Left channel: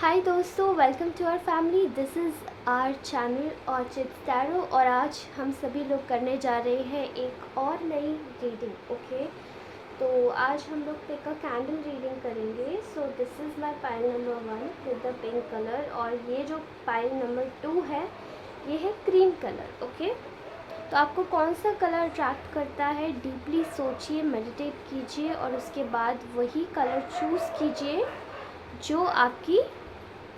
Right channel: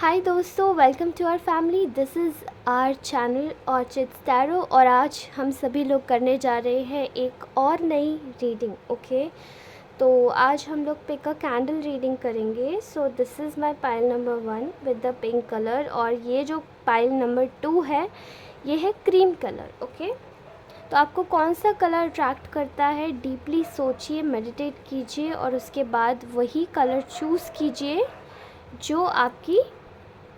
हाय दोस्तों, welcome to our family. This is our channel orchid tarot और आज हम सभी लोग करने जा रहे हैं एक और नई रीडिंग। ओके, तो आज हम लोग पिक अ कैंडल रीडिंग करेंगे। So this is my pile number 1 with the pink colour और ये जो पाइल नंबर 2 है ये है क्रीम कलर। ओके, तो आपको कौन सा कलर अट्रैक्ट करता है, डीपली सोचिए, मेडिटेट कीजिए और उसके बाद वही कलर चूज़ कीजिए जो आपकी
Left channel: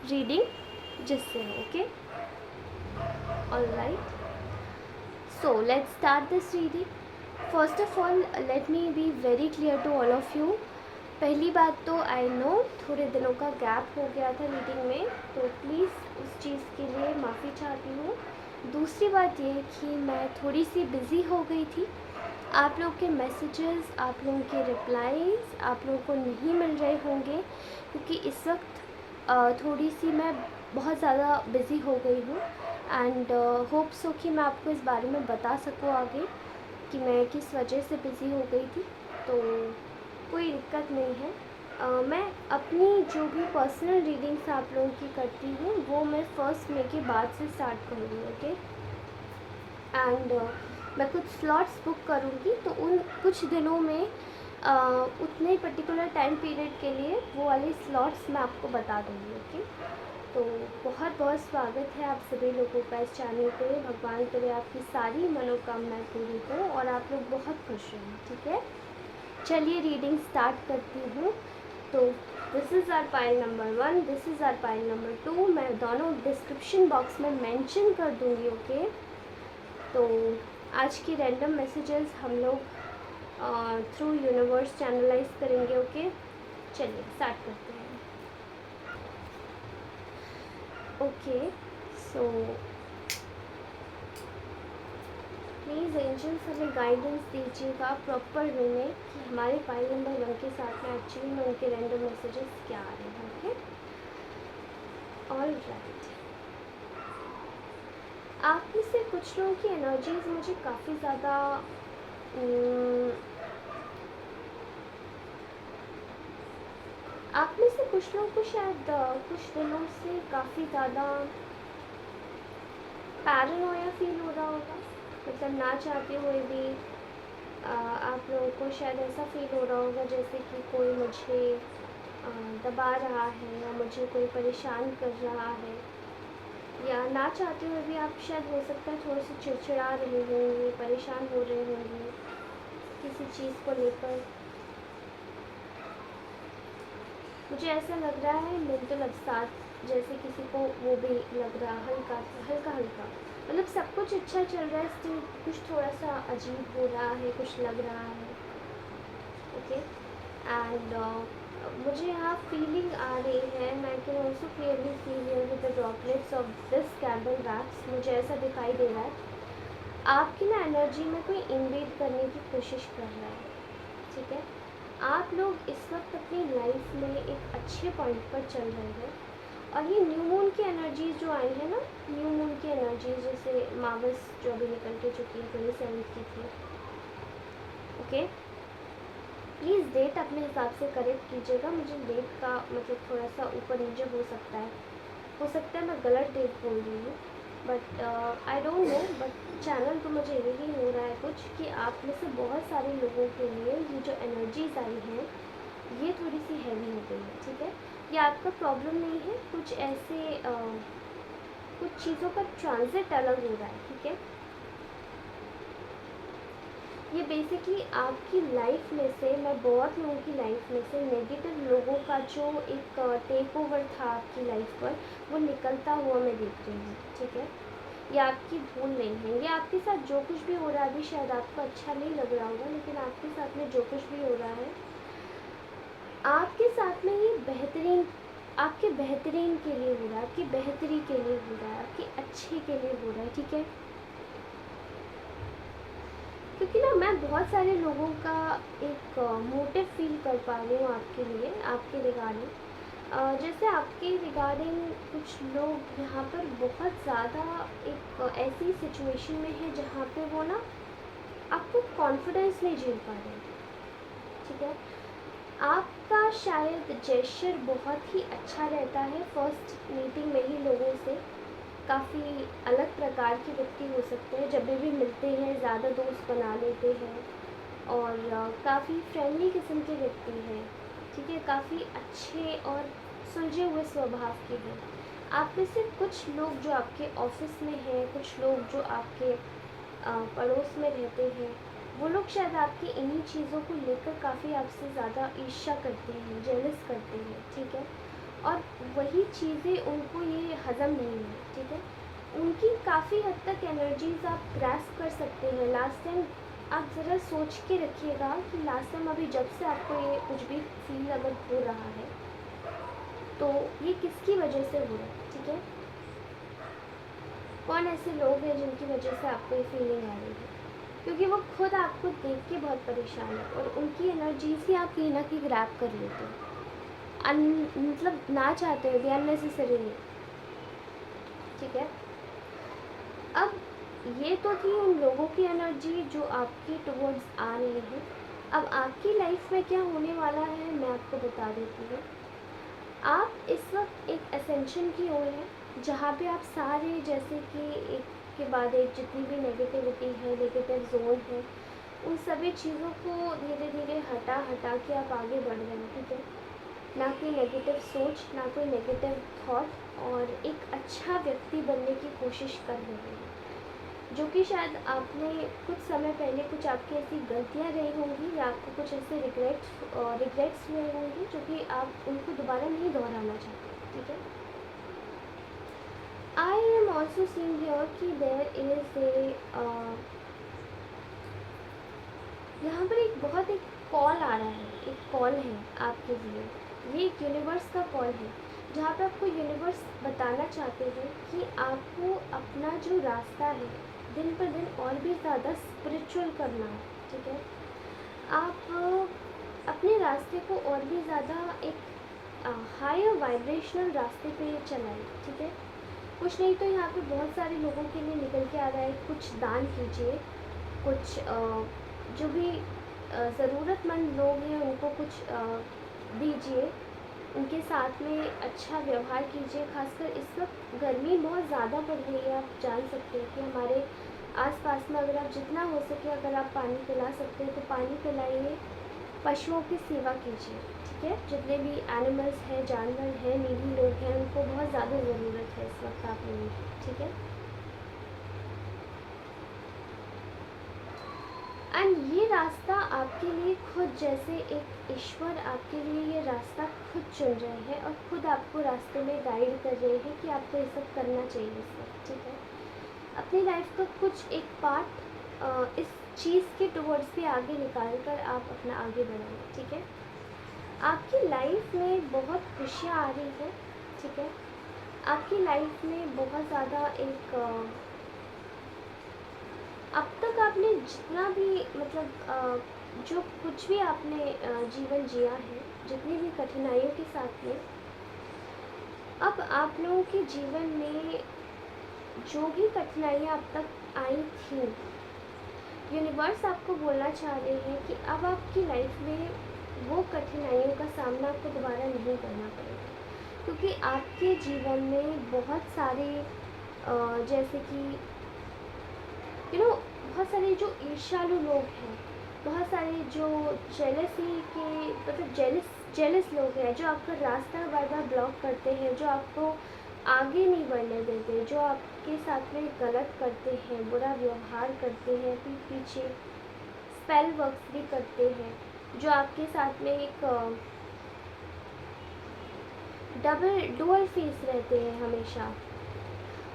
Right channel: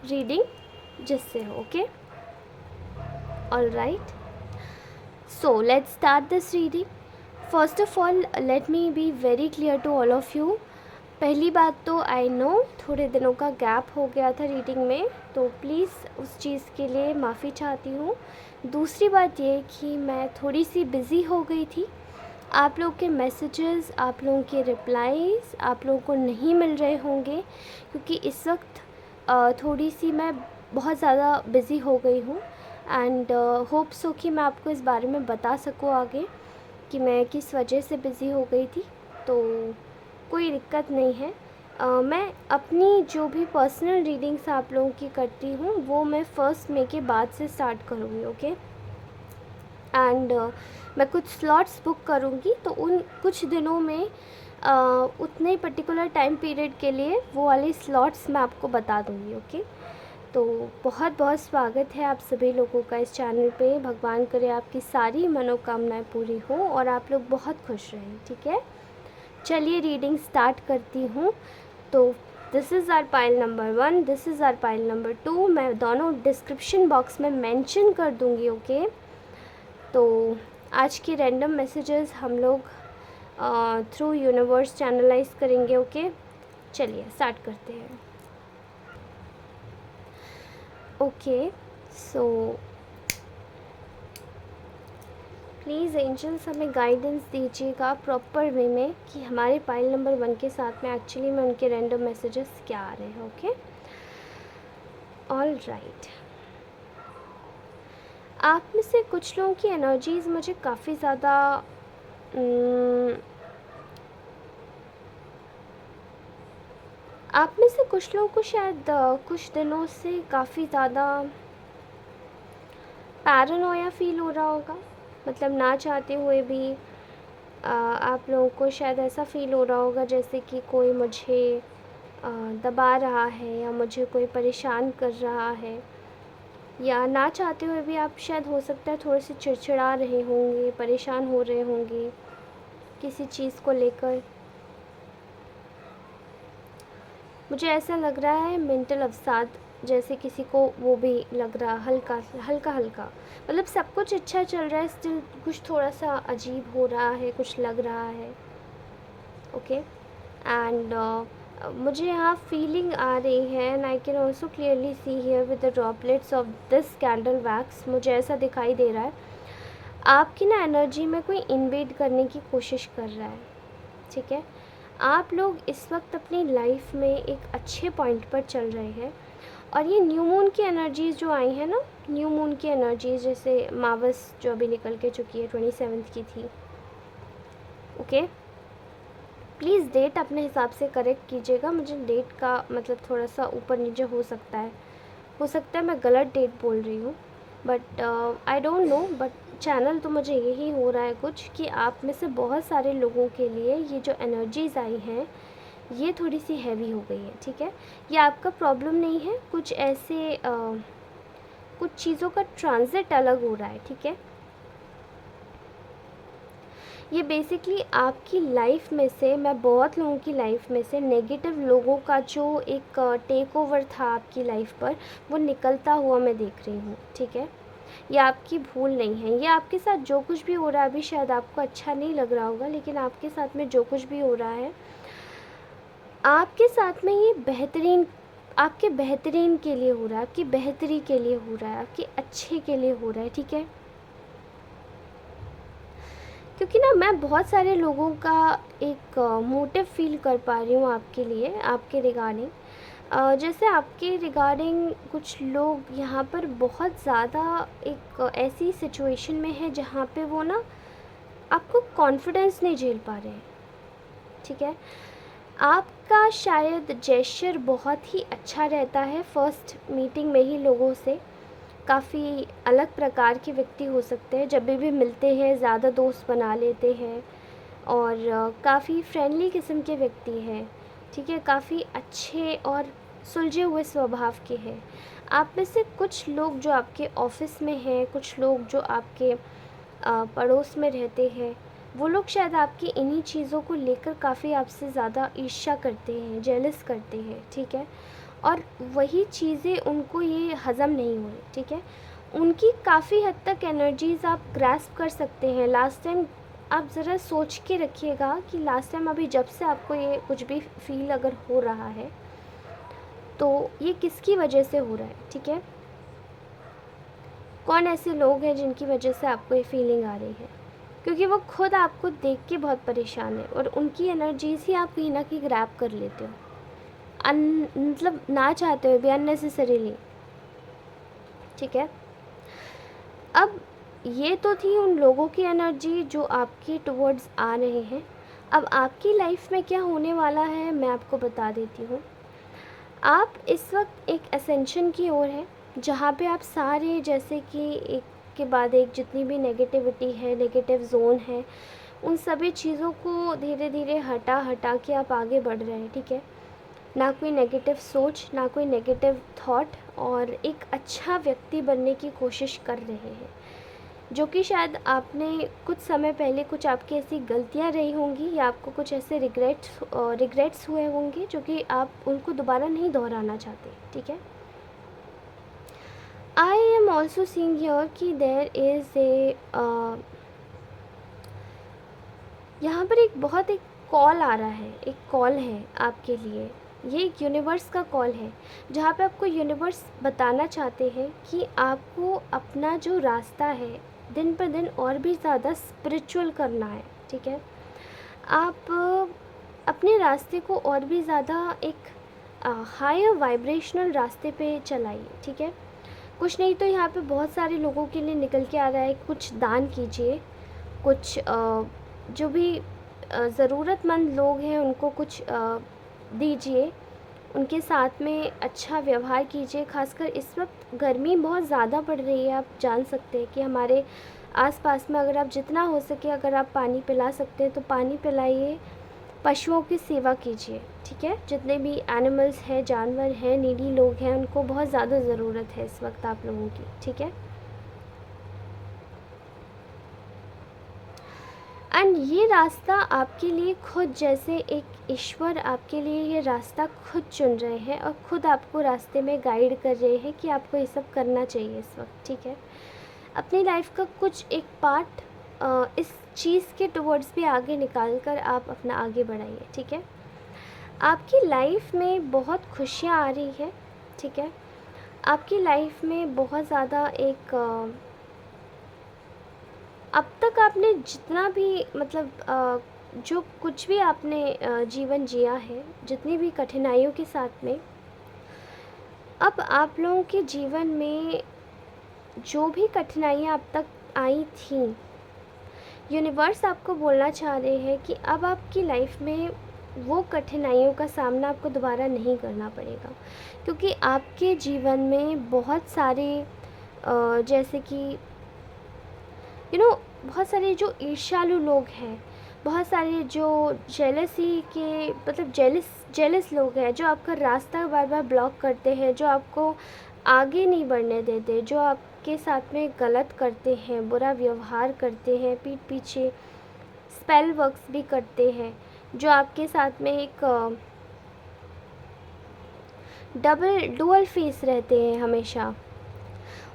रीडिंग जिससे हो। Okay, all right, so let's start this reading. First of all let me be very clear to all of you. पहली बात तो आई नो थोड़े दिनों का गैप हो गया था रीडिंग में, तो प्लीज़ उस चीज़ के लिए माफ़ी चाहती हूँ। दूसरी बात ये कि मैं थोड़ी सी बिज़ी हो गई थी। आप लोग के मैसेजेस, आप लोगों के रिप्लाईज़ आप लोगों को नहीं मिल रहे होंगे क्योंकि इस वक्त थोड़ी सी मैं बहुत ज़्यादा बिज़ी हो गई हूँ एंड होप सो कि मैं आपको इस बारे में बता सकूँ आगे कि मैं किस वजह से बिज़ी हो गई थी। तो कोई दिक्कत नहीं है। मैं अपनी जो भी पर्सनल रीडिंग्स आप लोगों की करती हूँ वो मैं 1 मई के बाद से स्टार्ट करूँगी। ओके, एंड मैं कुछ स्लॉट्स बुक करूँगी तो उन कुछ दिनों में उतने पर्टिकुलर टाइम पीरियड के लिए वो वाले स्लॉट्स मैं आपको बता दूँगी। ओके, तो बहुत बहुत स्वागत है आप सभी लोगों का इस चैनल पे। भगवान करे आपकी सारी मनोकामनाएं पूरी हो और आप लोग बहुत खुश रहें। ठीक है, चलिए रीडिंग स्टार्ट करती हूँ। तो this is our pile number 1, this is our pile number 2। मैं दोनों डिस्क्रिप्शन बॉक्स में मेंशन कर दूँगी। ओके, तो आज के रैंडम मैसेजेस हम लोग थ्रू यूनिवर्स चैनलाइज करेंगे। ओके, चलिए स्टार्ट करते हैं। ओके, सो प्लीज़ एंजल्स हमें गाइडेंस दीजिएगा प्रॉपर वे में कि हमारे पाइल नंबर 1 के साथ में एक्चुअली में उनके रैंडम मैसेजेस क्या आ रहे हैं। Okay, all right. आप में से कुछ लोगों की एनर्जीज़ मुझे काफ़ी ज़्यादा आप में से कुछ लोगों को शायद कुछ दिनों से काफ़ी ज़्यादा पैरानोया फील हो रहा होगा। मतलब ना चाहते हुए भी आप लोगों को शायद ऐसा फील हो रहा होगा जैसे कि कोई मुझे दबा रहा है या मुझे कोई परेशान कर रहा है, या ना चाहते हुए भी आप शायद हो सकता है थोड़े से चिड़चिड़ा रहे होंगे, परेशान हो रहे होंगे किसी चीज़ को लेकर। मुझे ऐसा लग रहा है मेंटल अवसाद जैसे किसी को वो भी लग रहा, हल्का हल्का हल्का। मतलब सब कुछ अच्छा चल रहा है, स्टिल कुछ थोड़ा सा अजीब हो रहा है, कुछ लग रहा है। ओके, एंड मुझे यहाँ फीलिंग आ रही है and I can also clearly see here with the droplets of this candle wax. मुझे ऐसा दिखाई दे रहा है आपकी ना एनर्जी में कोई इन्वेड करने की कोशिश कर रहा है। ठीक है, आप लोग इस वक्त अपनी लाइफ में एक अच्छे पॉइंट पर चल रहे हैं और ये न्यू मून की एनर्जीज़ जो आई हैं ना, न्यू मून की एनर्जीज़ जैसे मावस जो अभी निकल के चुकी है 27 की थी। ओके, प्लीज़ डेट अपने हिसाब से करेक्ट कीजिएगा। मुझे डेट का मतलब थोड़ा सा ऊपर नीचे हो सकता है मैं गलत डेट बोल रही हूँ, but I don't know. But channel तो मुझे यही हो रहा है कुछ कि आप में से बहुत सारे लोगों के लिए ये जो एनर्जीज़ आई हैं ये थोड़ी सी हैवी हो गई है। ठीक है, ये आपका प्रॉब्लम नहीं है, कुछ ऐसे कुछ चीज़ों का ट्रांजिट अलग हो रहा है। ठीक है, ये बेसिकली आपकी लाइफ में से, मैं बहुत लोगों की लाइफ में से नेगेटिव लोगों का जो एक टेक ओवर था आपकी लाइफ पर वो निकलता हुआ मैं देख रही हूँ। ठीक है, ये आपकी भूल नहीं है। ये आपके साथ जो कुछ भी हो रहा है अभी शायद आपको अच्छा नहीं लग रहा होगा, लेकिन आपके साथ में जो कुछ भी हो रहा है आपके साथ में ये बेहतरीन, आपके बेहतरीन के लिए हो रहा है, आपकी बेहतरी के लिए हो रहा है, आपके अच्छे के लिए हो रहा है। ठीक है, क्योंकि ना मैं बहुत सारे लोगों का एक मोटिव फील कर पा रही हूँ आपके लिए, आपके रिगार्डिंग। जैसे आपके रिगार्डिंग कुछ लोग यहाँ पर बहुत ज़्यादा एक ऐसी सिचुएशन में है जहाँ पे वो ना आपको कॉन्फिडेंस नहीं झेल पा रहे हैं। ठीक है, आप का शायद जेस्चर बहुत ही अच्छा रहता है फर्स्ट मीटिंग में ही लोगों से। काफ़ी अलग प्रकार के व्यक्ति हो सकते हैं, जब भी मिलते हैं ज़्यादा दोस्त बना लेते हैं और काफ़ी फ्रेंडली किस्म के व्यक्ति हैं, ठीक है, काफ़ी अच्छे और सुलझे हुए स्वभाव के हैं। आप में से कुछ लोग जो आपके ऑफिस में हैं, कुछ लोग जो आपके पड़ोस में रहते हैं, वो लोग शायद आपकी इन्हीं चीज़ों को लेकर काफ़ी आपसे ज़्यादा ईर्ष्या करते हैं, जेलस करते हैं, ठीक है, और वही चीज़ें उनको ये हज़म नहीं हुई, ठीक है। उनकी काफ़ी हद तक एनर्जीज़ आप ग्रैस्प कर सकते हैं। लास्ट टाइम आप ज़रा सोच के रखिएगा कि लास्ट टाइम अभी जब से आपको ये कुछ भी फील अगर हो रहा है तो ये किसकी वजह से हो रहा है, ठीक है। कौन ऐसे लोग हैं जिनकी वजह से आपको ये फीलिंग आ रही है, क्योंकि वो खुद आपको देख के बहुत परेशान है और उनकी एनर्जीज ही आप कहीं ना कहीं ग्रैब कर लेते हो मतलब ना चाहते हुए भी, अननेसेसरीली, ठीक है। अब ये तो थी उन लोगों की एनर्जी जो आपके टुवर्ड्स आ रहे हैं। अब आपकी लाइफ में क्या होने वाला है मैं आपको बता देती हूँ। आप इस वक्त एक असेंशन की ओर हैं, जहाँ पे आप सारे, जैसे कि एक के बाद एक जितनी भी नेगेटिविटी है, नेगेटिव जोन है, उन सभी चीज़ों को धीरे धीरे हटा हटा के आप आगे बढ़ रहे हैं, ठीक है। ना कोई नेगेटिव सोच, ना कोई नेगेटिव थॉट, और एक अच्छा व्यक्ति बनने की कोशिश कर रहे हैं, जो कि शायद आपने कुछ समय पहले कुछ आपकी ऐसी गलतियां रही होंगी या आपको कुछ ऐसे रिग्रेट्स हुए होंगे जो कि आप उनको दोबारा नहीं दोहराना चाहते, ठीक है। I am also seeing here कि देयर इज़ ए यहाँ पर एक कॉल आ रहा है, एक कॉल है आपके लिए। ये एक यूनिवर्स का कॉल है, जहाँ पे आपको यूनिवर्स बताना चाहते हैं कि आपको अपना जो रास्ता है दिन पर दिन और भी ज़्यादा स्पिरिचुअल करना है, ठीक है। आप अपने रास्ते को और भी ज़्यादा एक हायर वाइब्रेशनल रास्ते पे चलाइए, ठीक है। कुछ नहीं तो यहाँ पे बहुत सारे लोगों के लिए निकल के आ रहा है, कुछ दान कीजिए, कुछ जो भी ज़रूरतमंद लोग हैं उनको कुछ दीजिए, उनके साथ में अच्छा व्यवहार कीजिए। खासकर इस वक्त गर्मी बहुत ज़्यादा पड़ रही है, आप जान सकते हैं कि हमारे आसपास में अगर आप जितना हो सके, अगर आप पानी पिला सकते हैं तो पानी पिलाइए, पशुओं की सेवा कीजिए, ठीक है। जितने भी एनिमल्स हैं, जानवर हैं, नीडी लोग हैं, उनको बहुत ज़्यादा ज़रूरत है इस वक्त आप लोगों की, ठीक है। एंड ये रास्ता आपके लिए खुद, जैसे एक ईश्वर आपके लिए ये रास्ता खुद चुन रहे हैं और खुद आपको रास्ते में गाइड कर रहे हैं कि आपको ये सब करना चाहिए इस वक्त, ठीक है। अपनी लाइफ का कुछ एक पार्ट इस चीज़ के टुवर्ड्स भी आगे निकाल कर आप अपना आगे बढ़ाइए, ठीक है। आपकी लाइफ में बहुत खुशियाँ आ रही हैं, ठीक है। आपकी लाइफ में बहुत ज़्यादा एक अब तक आपने जितना भी मतलब जो कुछ भी आपने जीवन जिया है, जितनी भी कठिनाइयों के साथ में, अब आप लोगों के जीवन में जो भी कठिनाइयाँ अब तक आई थी, यूनिवर्स आपको बोलना चाह रहे हैं कि अब आपकी लाइफ में वो कठिनाइयों का सामना आपको दोबारा नहीं करना पड़ेगा, क्योंकि आपके जीवन में बहुत सारे जैसे कि बहुत सारे जो ईर्ष्यालु लोग हैं, बहुत सारे जो जेलसी के मतलब जेलस लोग हैं, जो आपका रास्ता बार बार ब्लॉक करते हैं, जो आपको आगे नहीं बढ़ने देते, जो आपके साथ में गलत करते हैं, बुरा व्यवहार करते हैं, पीठ पीछे स्पेल वर्क्स भी करते हैं, जो आपके साथ में एक डुअल फेस रहते हैं हमेशा,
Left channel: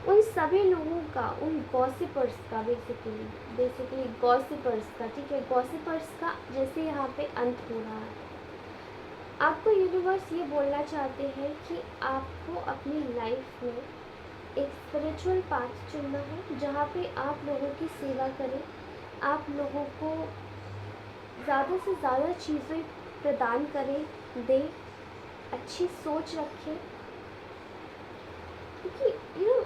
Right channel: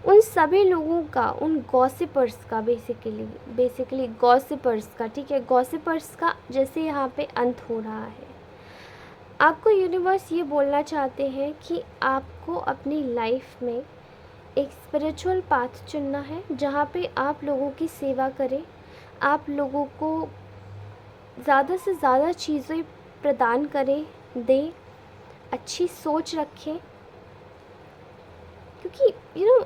उन सभी लोगों का, उन गॉसिपर्स का, बेसिकली गॉसिपर्स का, ठीक है, गॉसिपर्स का जैसे यहाँ पे अंत हो रहा है। आपको यूनिवर्स ये बोलना चाहते हैं कि आपको अपनी लाइफ में एक स्पिरिचुअल पाथ चुनना है, जहाँ पे आप लोगों की सेवा करें, आप लोगों को ज़्यादा से ज़्यादा चीज़ें प्रदान करें, दें, अच्छी सोच रखें, क्योंकि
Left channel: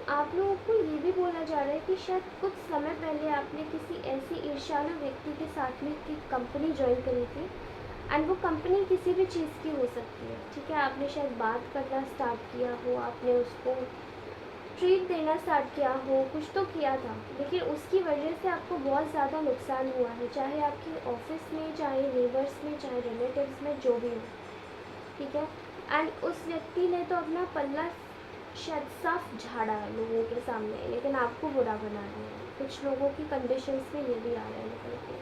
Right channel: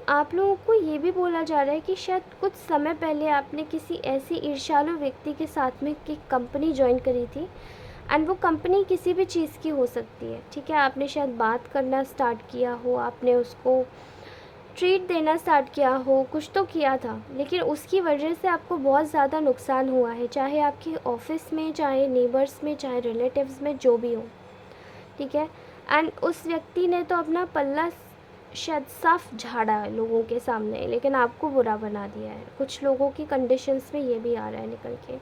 आप लोगों को ये भी बोला जा रहा है कि शायद कुछ समय पहले आपने किसी ऐसे ईर्ष्यालु व्यक्ति के साथ में एक कंपनी ज्वाइन करी थी, एंड वो कंपनी किसी भी चीज़ की हो सकती है, ठीक है। आपने शायद बात करना स्टार्ट किया हो, आपने उसको ट्रीट देना स्टार्ट किया हो, कुछ तो किया था, लेकिन उसकी वजह से आपको बहुत ज़्यादा नुकसान हुआ है, चाहे आपके ऑफिस में, चाहे नेबर्स में, चाहे रिलेटिव्स में, जो भी हो, ठीक है। एंड उस व्यक्ति ने तो अपना पल्ला शायद साफ झाड़ा है लोगों के सामने, लेकिन आपको बुरा बना दिया है। कुछ लोगों की कंडीशंस में ये भी आ रहा है निकल के।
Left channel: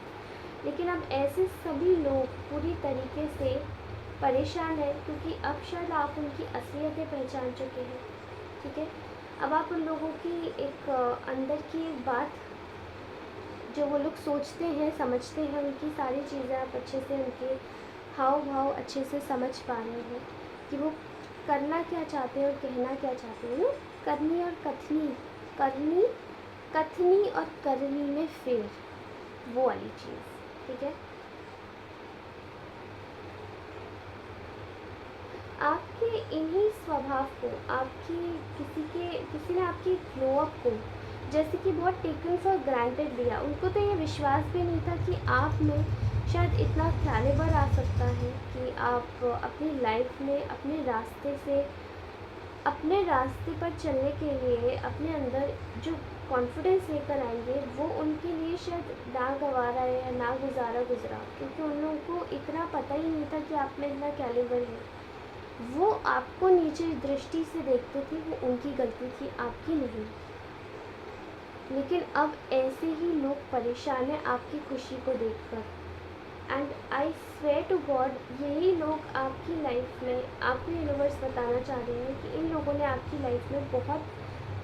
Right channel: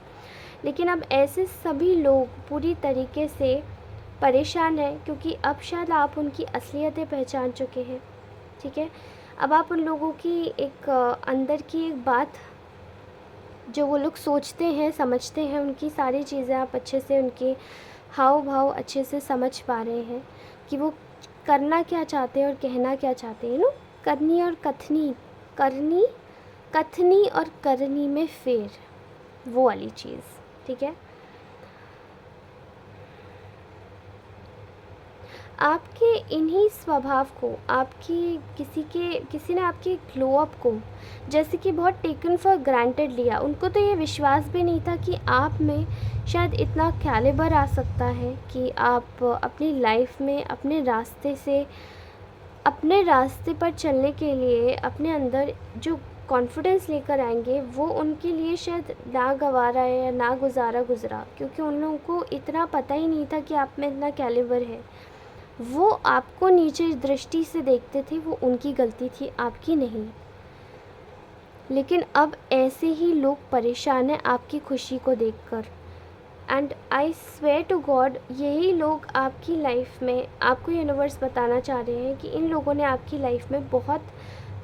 लेकिन अब ऐसे सभी लोग पूरी तरीके से परेशान हैं, क्योंकि अब शायद आप उनकी असलियतें पहचान चुके हैं, ठीक है। अब आप उन लोगों की एक अंदर की एक बात, जो वो लोग सोचते हैं, समझते हैं, उनकी सारी चीज़ें आप अच्छे से, उनके हाव भाव अच्छे से समझ पा रहे हैं कि वो करना क्या चाहते हैं और कहना क्या चाहते हैं ना। करनी और कथनी, करनी, कथनी और करनी में फेर, वो वाली चीज़, ठीक है। आपके इन्हीं स्वभाव को, आपकी किसी ने आपके ग्लो अप को जैसे कि बहुत टेकन फॉर ग्रांटेड लिया। उनको तो ये विश्वास भी नहीं था कि आप में शायद इतना कैलिबर आ सकता है कि आप अपनी लाइफ में अपने रास्ते पर चलने के लिए अपने अंदर जो कॉन्फिडेंस लेकर आएंगे, वो उनके लिए शायद ना गवारा है या ना गुजारा गुजरा, क्योंकि उन लोगों को इतना पता ही नहीं था कि आप में इतना कैलिबर है। वो आपको नीचे दृष्टि से देखते थे, वो उनकी गलती थी, आपकी नहीं। लेकिन अब ऐसे ही लोग परेशान हैं आपकी खुशी को देखकर। And I swear to God, यही लोग आपकी लाइफ में, आपको यूनिवर्स बताना चाह रहे हैं कि इन लोगों ने आपकी लाइफ में बहुत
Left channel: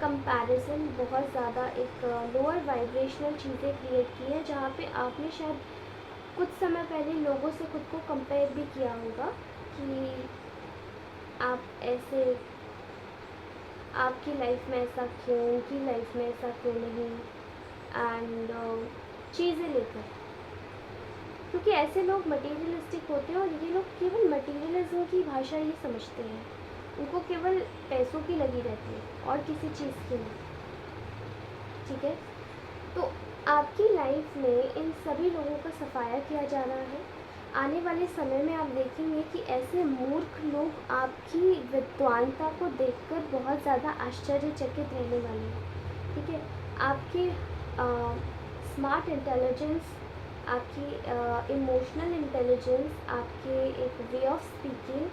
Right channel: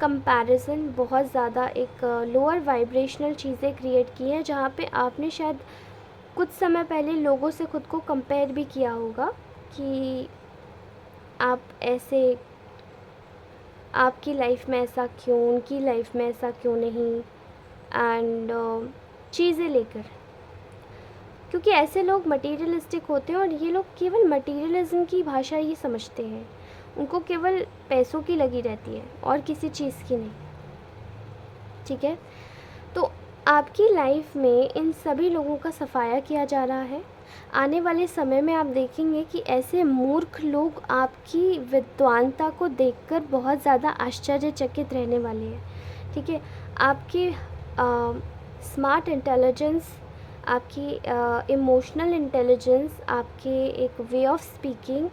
कंपैरिजन, बहुत ज़्यादा एक लोअर वाइब्रेशनल चीज़ें क्रिएट की हैं, जहाँ पे आपने शायद कुछ समय पहले लोगों से खुद को कंपेयर भी किया होगा कि आप ऐसे, आपकी लाइफ में ऐसा क्यों, उनकी लाइफ में ऐसा क्यों नहीं, एंड चीज़ें लेकर, क्योंकि ऐसे लोग मटेरियलिस्टिक होते हैं और ये लोग केवल मटेरियलिज्म की भाषा ही समझते हैं। उनको केवल पैसों की लगी रहती है और किसी चीज़ की नहीं, ठीक है। तो आपकी लाइफ में इन सभी लोगों का सफाया किया जा रहा है। आने वाले समय में आप देखेंगे कि ऐसे मूर्ख लोग आपकी विद्वानता को देखकर बहुत ज़्यादा आश्चर्यचकित रहने वाले हैं, ठीक है। आपकी स्मार्ट इंटेलिजेंस, आपकी इमोशनल इंटेलिजेंस, आपके एक way of speaking,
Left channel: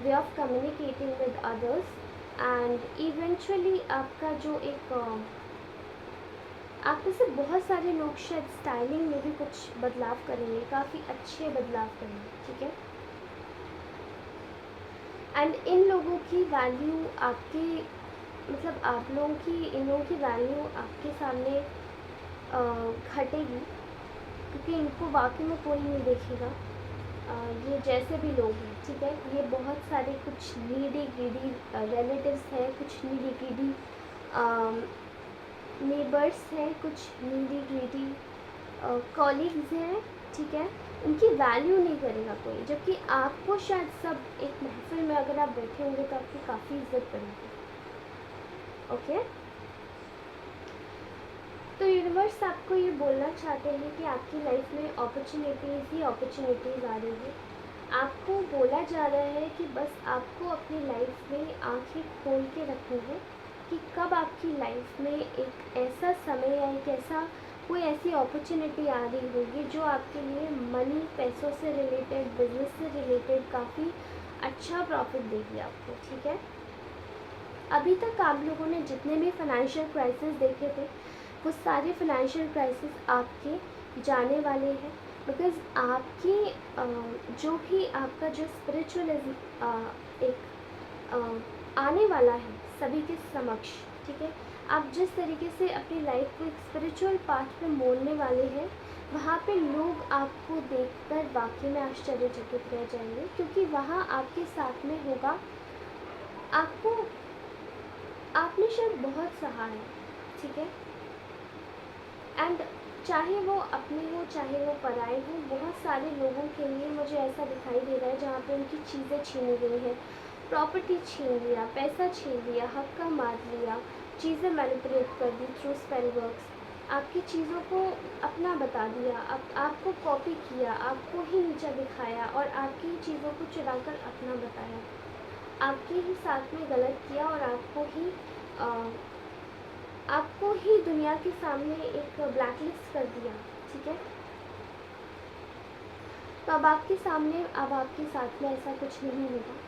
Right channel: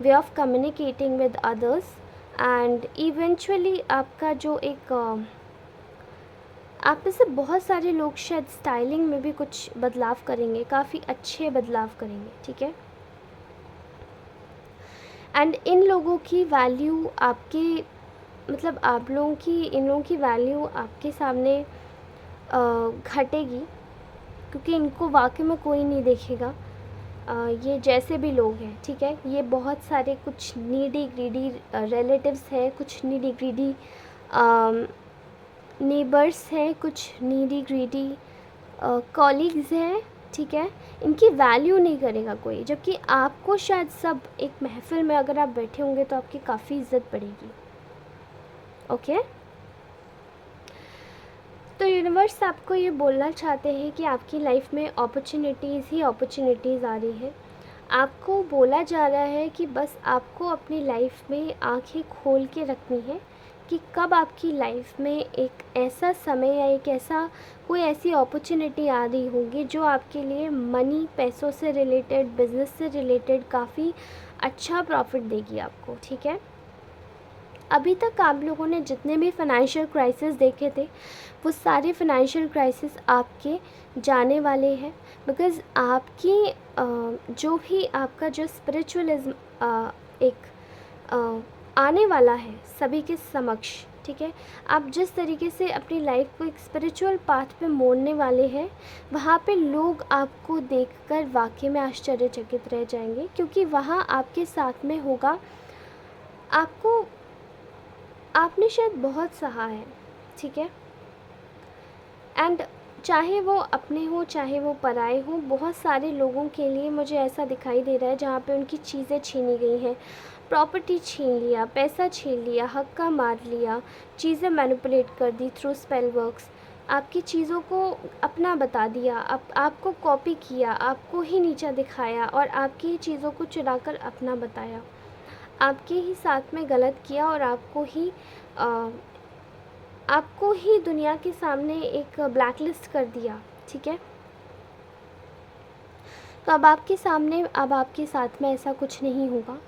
way of communicating with others, and eventually आपका जो एक आप में से बहुत सारे लोग शायद स्टाइलिंग में भी कुछ बदलाव करेंगे, काफ़ी अच्छे बदलाव करेंगे, ठीक है। एंड इन लोगों की वैल्यू आपके, मतलब आप लोगों की, इन लोगों की वैल्यू आपके सामने घटेगी, क्योंकि इनको वाकई में कोई नहीं देखेगा। ये जैसे भी लोग हैं, ठीक है, ये बहुत सारे कुछ नीडी ग्रीडी रिलेटिव्स हैं, कुछ नीडी ग्रीडी नेबर्स हैं, कुछ नीडी ग्रीडी कॉलीग्स हैं, ठीक है। इनकी वैल्यू नहीं करेगा कोई, जबकि आपको शायद सब, एक महफिल में अगर आप बैठे होंगे तो आपकी काफ़ी इज्जत बढ़ेगी, ओके। तो यूनिवर्स आपको ये बोलना चाहते हैं कि आपकी लाइफ में अपॉर्चुनिटीज़ ही अपॉर्चुनिटीज़ आ रही है। आपको बोला जा रहा है कि बस आपको अपनी लाइफ में आंखें खोल के रखनी है कि कब आपकी लाइफ में एक ऐसा समय या एक ऐसा कोई ऐसी अपॉर्चुनिटी आ रही होगी जो आपके लिए मनी, पैसों से रिलेटेड, बिजनेस से रिलेटेड काफ़ी अच्छा प्रॉफिट देगी आपको, ठीक है। अभी तक आप लोगों ने जितने भी फाइनेंशियल क्राइसिस देखे थे, वो सारे फाइनेंशियल क्राइसिस आपके जाने वाले हैं, बिकॉज़ आपकी जो भी आपका जो स्पिरिचुअलिज्म एक आने वाला है सभी के समक्ष, ठीक है। आप जिस तरीके से अपनी लाइफ को एक स्पिरिचुअल पाथ पे मोड़ने वाले हैं, वहाँ पे लोग आपको देखकर वाकई में आश्चर्यचकित रह जाएंगे, क्योंकि वहाँ आपके साथ में होगा, आपको, आपने शायद बहुत सहा है, ठीक है। एंड चाहे वो अपने हो, चाहे वो पराए हो, बहुत सारे लोगों के लिए मुझे ऐसा दिखाई दे रहा है जहाँ पे उनकी चीज़ें छीनी गई हैं, प्रॉपर्टी छीन लिया, पैसा छीन लिया, हक्का मार लिया, चीज़ें मैनिपुलेट कर दी थ्रू स्पेल वर्क्स, आपकी चीज़ों को अपना बता दिया, आपको कॉपी किया, आपको ही नीचा दिखाया और आपकी ही चीज़ों को चुराकर अपना बताया, आपके ही साथ में गलत किया और आपको ही दुनिया के सामने एक ब्लैक लिस्ट कर दिया, ठीक है। तो अब आपके साथ में ऐसा कुछ नहीं होगा।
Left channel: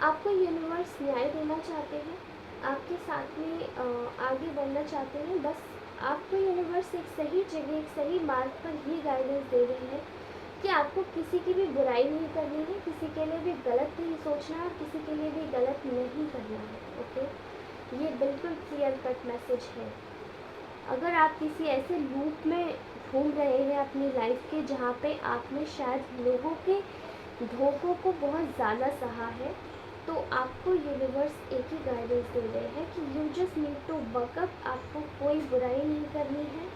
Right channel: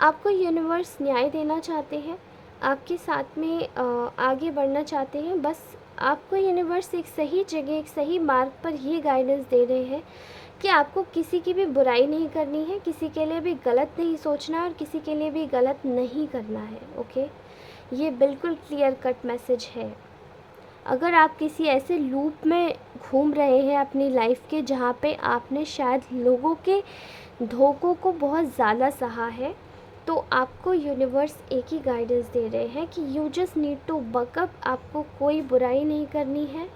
आपको यूनिवर्स न्याय देना चाहते हैं, आपके साथ में आगे बढ़ना चाहते हैं। बस आपको यूनिवर्स एक सही जगह, एक सही मार्ग पर ये गाइडेंस दे रहे हैं कि आपको किसी की भी बुराई नहीं करनी है, किसी के लिए भी गलत नहीं सोचना और किसी के लिए भी गलत नहीं करना है। ओके, ये बिल्कुल क्लियर कट मैसेज है। अगर आप किसी ऐसे लूप में घूम रहे हैं अपनी लाइफ के जहाँ पे आपने शायद लोगों के धोखों को बहुत ज़्यादा सहा है, तो आपको यूनिवर्स एक ही गाइडेंस दे रहे हैं कि you just need to buck up. आपको कोई बुराई नहीं करनी है,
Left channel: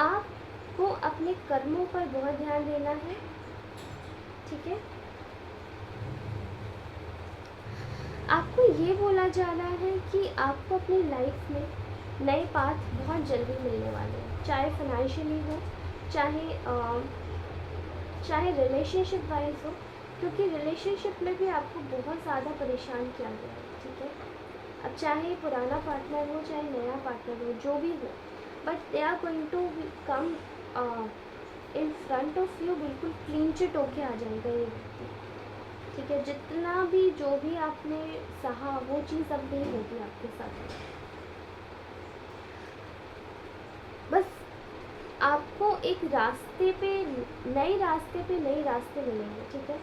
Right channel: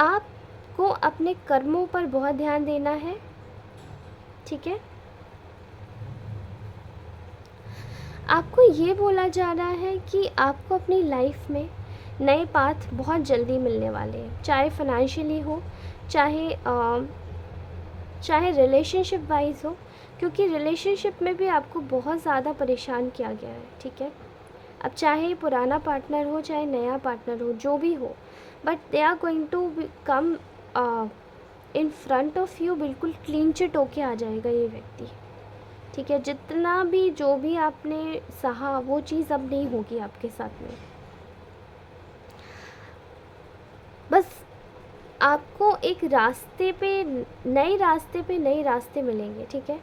आपको अपने कर्मों पर बहुत ध्यान देना है, ठीक है। आपको ये बोला जा रहा है कि आपको अपनी लाइफ में नए पाथ बहुत जल्दी मिलने वाले हैं, चाहे फाइनेंशियली हो, चाहे रिलेशनशिप वाइज हो, क्योंकि रिलेशनशिप में भी आपको बहुत ज़्यादा परेशान किया गया है, ठीक है। अब चाहे पुराना पार्टनर हो, चाहे नया पार्टनर हो, जो भी हो, but they are going to come in front of you. बिल्कुल क्लीन चिट होके आ जाएगा ये व्यक्ति, ठीक है। जितना भी जो भी आपने सहा वो चीज़ अब नहीं होगी आपके साथ में। बस आपको एक रास्ते पे नए रास्ते मिलेंगे, ठीक है।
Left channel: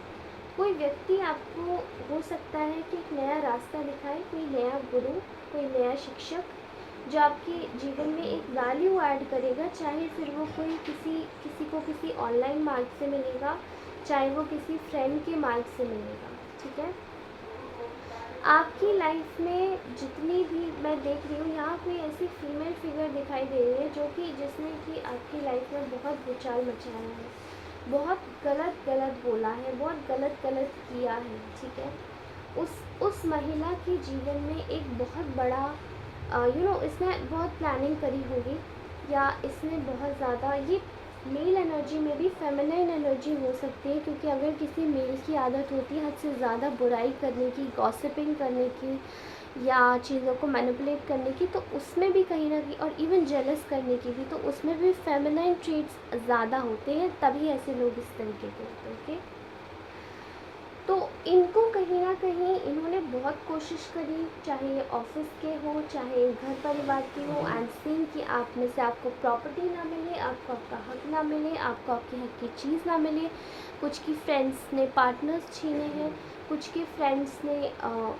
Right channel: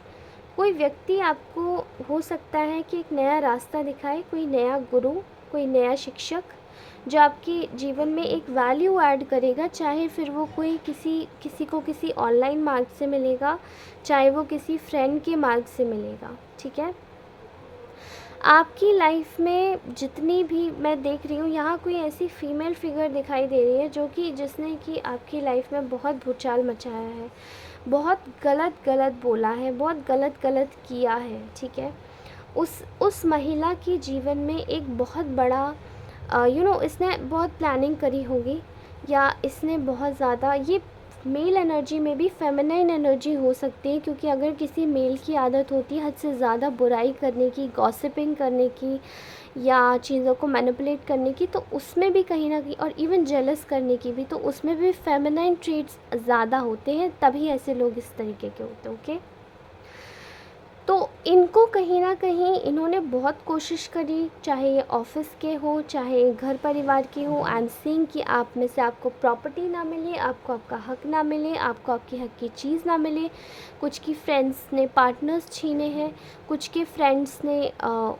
कोई व्यक्ति आपको हो सकता है कि एक नया रास्ता दिखाए, कोई नया गुरु, कोई नया शिक्षक जो आपके जीवन में एक वैल्यू ऐड करेगा, चाहे फिर वो कोई किसी को किसी ऑनलाइन मार्ग से मिलेगा, चाहे वो किसी फ्रेंड के मार्ग से मिलेगा, ठीक है। आपकी लाइफ में जितनी भी मैं देख रही हूँ, यहाँ कोई ऐसी फीमेल फिगर दिखाई दे रही है जिसने कि आपकी लाइफ में बहुत भूचाल मचाया है, बहुत गलत बोला है, बहुत गलत किया है, ठीक है। उस महिला के जीवन में एक बहुत बड़ा इसने बहुत प्लानिंग करी होगी, या इसने बहुत ज़्यादा, ये मेल एनर्जी में भी फेमिनाइन एनर्जी हो सकती है, क्योंकि अगर किसी मेल की आदत होती है हद से ज़्यादा बुराई करने की, गॉसिपिंग करने की, या चीज़ों को मैनिपुलेट करने की, तो उसमें भी कहीं ना कहीं, और इवन जेलस करने की भी, तो उसमें भी फेमिनाइन ट्रेट्स ज़्यादा होते हैं, तभी ऐसे लोग इस तरीके के होते हैं, ओके। तो इनको कहीं ना कहीं इन्होंने बहुत कोशिश करी, चाहे ये ऑफिस के हो, चाहे घर परिवार की हो, एंड सीइंग कि आप में से आपको प्रॉपर्टी ना मिले, आपको आपका हक ना मिले, आपको आपकी हक की चीज़ ना मिले। कुछ की फ्रेंड्स ने पार्टनर्स छीने हैं, कुछ के फ्रेंड्स ने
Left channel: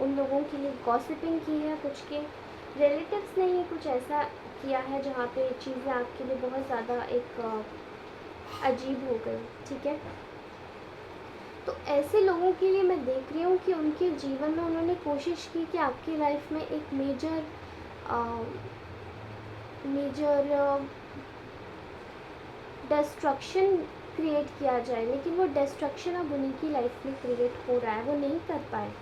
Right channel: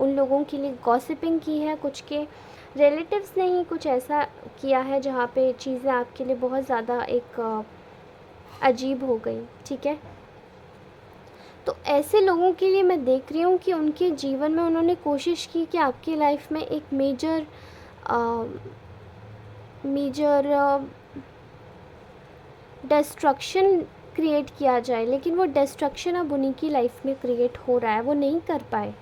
उन लोगों के लिए गॉसिपिंग की है, कुछ के रिलेटिव्स ने ही कुछ ऐसा किया है जहाँ पे चीज़ें आपके लिए बहुत ज़्यादा एक अजीब हो गई, ठीक है। तो ऐसे लोगों के लिए मैं देख रही हूँ कि उनके जीवन में उन्होंने कोशिश की कि आपकी लाइफ में एक मेजर डिस्ट्रक्शन क्रिएट किया जाए, लेकिन वो डिस्ट्रक्शन अब उन्हीं की लाइफ में क्रिएट हो रहा है, वो नहीं कर पाए,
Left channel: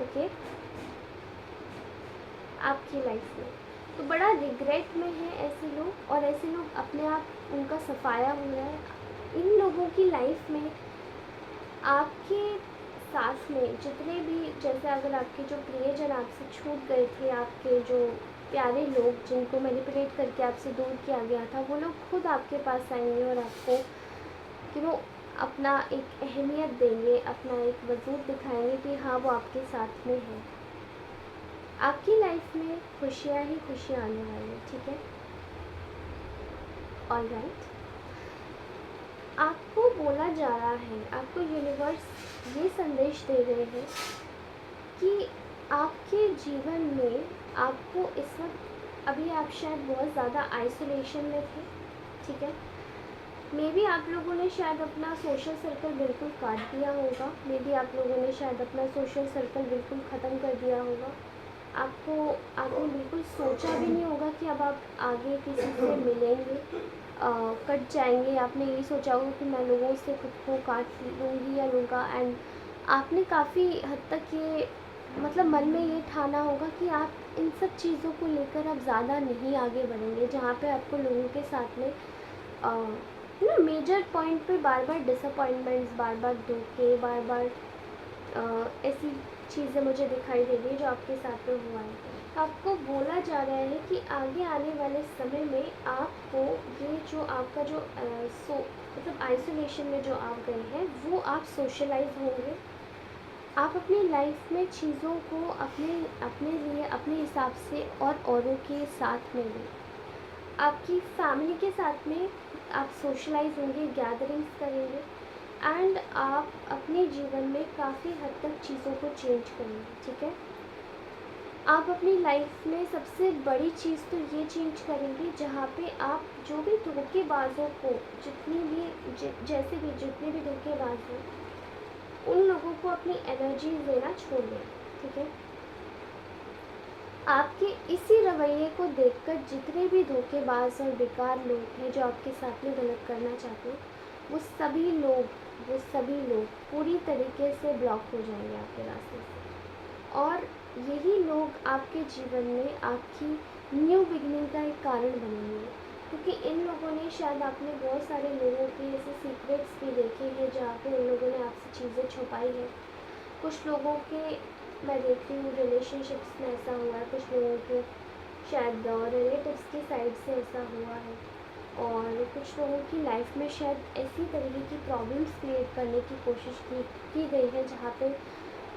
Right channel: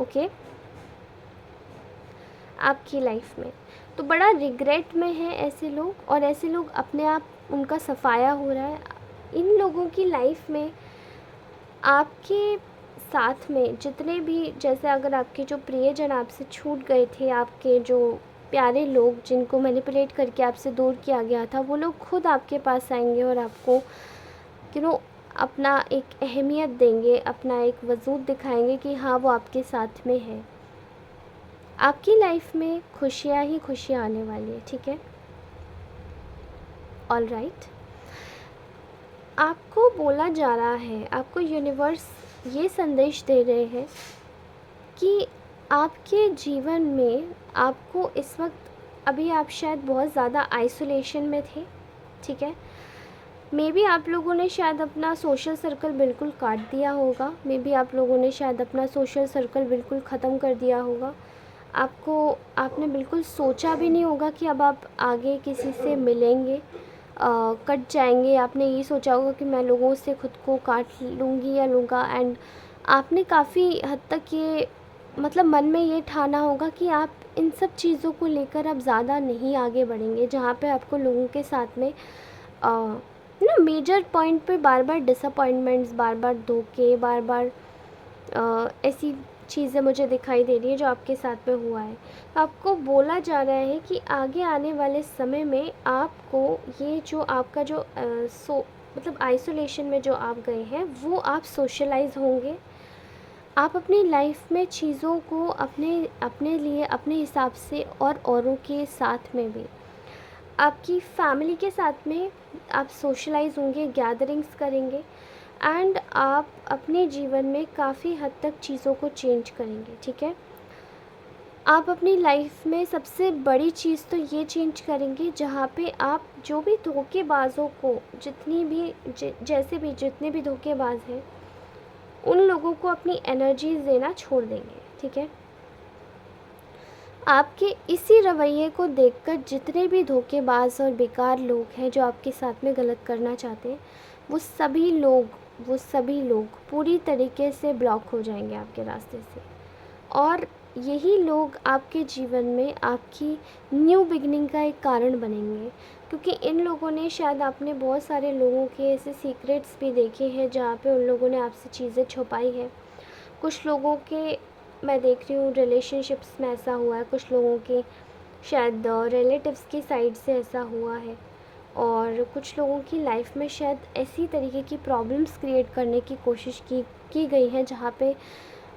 ओके, आपकी लाइफ में। तो बड़ा रिग्रेट में है ऐसे लोग, और ऐसे लोग अपने आप उनका सफाया हो रहा है। इन लोगों की लाइफ में आपके साथ में जितने भी, जैसे अगर आपके जो प्रियजन आपसे छूट गए थे, आपके जो प्यारे लोग जिनको मैनिपुलेट करके आपसे दूर किया गया था, वो लोग खुद आपके पास आएंगे और आपको अपना एक अहमियत देंगे, अपना एक वजूद दिखाएंगे कि हाँ वो आपके साथ में है। आपकी लाइफ में खुशियाँ ही खुशियाँ आने वाली है, ठीक है। ऑल राइट, आपको बोला जा रहा है, आपको यूनिवर्स ये संदेश दे रहे हैं कि आपके जीवन में आपको इस वक्त, अभी आप शायद बहुत ज़्यादा आइसोलेशन में थे, ठीक है। मे बी आप लोगों ने शायद अपना सोशल सर्कल बिल्कुल काट दिया होगा, मे बी आप लोगों ने शायद अपना सोशल सर्कल बिल्कुल ख़त्म कर दिया होगा। आपने बिल्कुल सोचा भी नहीं होगा कि अब आप आगे किसी से मिलेंगे, कट जाएंगे। आपने ये सोचा होगा कि मैं लोगों से ख़ुद को काट लूँगी या लूँगा, एंड आपने काफ़ी हद तक ये मन में ये ठाना होगा कि आप इन सब चीज़ों को लेकर आप ज़्यादा नहीं आगे बढ़ेंगे, जहाँ पे आपको लोगों के साथ में ना मेजर पॉइंट पे बार बार डिसअपॉइंटमेंट्स, बार बार धोखे, बार बार ऐसी चीज़ें मुझे दिखाई दे रही है जो आपके साथ में हुआ है। आपको बोला जा रहा है कि आगे आने वाले समय में आपको ये जो आपका जो मतलब आइसोलेशन में जो आप गए हैं, वो आप सोशलाइज होंगे। आप अपनी लाइफ में चीज़ों को अपने अपने लिए अपने हिसाब से और औरों के साथ में भी, आपकी फैमिली के साथ में आप सोशलाइज होंगे, गैदरिंग्स करेंगे, एंड आप अपने जीवन में काफ़ी हद तक चीज़ों को चेंज करेंगे। ठीक है, आप अपनी लाइफ में सबसे बड़ी चीज़ तो ये चेंज करेंगे जहाँ पे आप जो भी धोखेबाजों को, जितने भी धोखेबाज हैं, उन लोगों को अपनी एनर्जी देना छोड़ देंगे। ठीक है, आपके इसी रवैये को देखकर जितने भी धोखेबाज और बेकार लोग हैं जो आपके साथ में गलत करना चाहते हैं, वो सभी लोग पूरी तरीके से ब्लॉक हो जाएंगे आपके रास्ते से। और यही लोग आपके जीवन में आपकी न्यू बिगनिंग का एक कारण बनेंगे, क्योंकि इन लोगों ने, शायद आपने बहुत सारे लोगों के ऐसे सीक्रेट्स भी देखे हैं जहाँ पे उन लोगों ने आपसे चीज़ें छुपाई है। कुछ लोगों के, मैं देख रही हूँ, रिलेशनशिप्स में ऐसा हुआ है, कुछ लोगों के शायद रिलेटिव्स की साइड से ऐसा हुआ है, और कुछ लोगों की लाइफ में शायद ऐसी तरीके की प्रॉब्लम्स क्रिएट करने की कोशिश की गई है जहाँ पे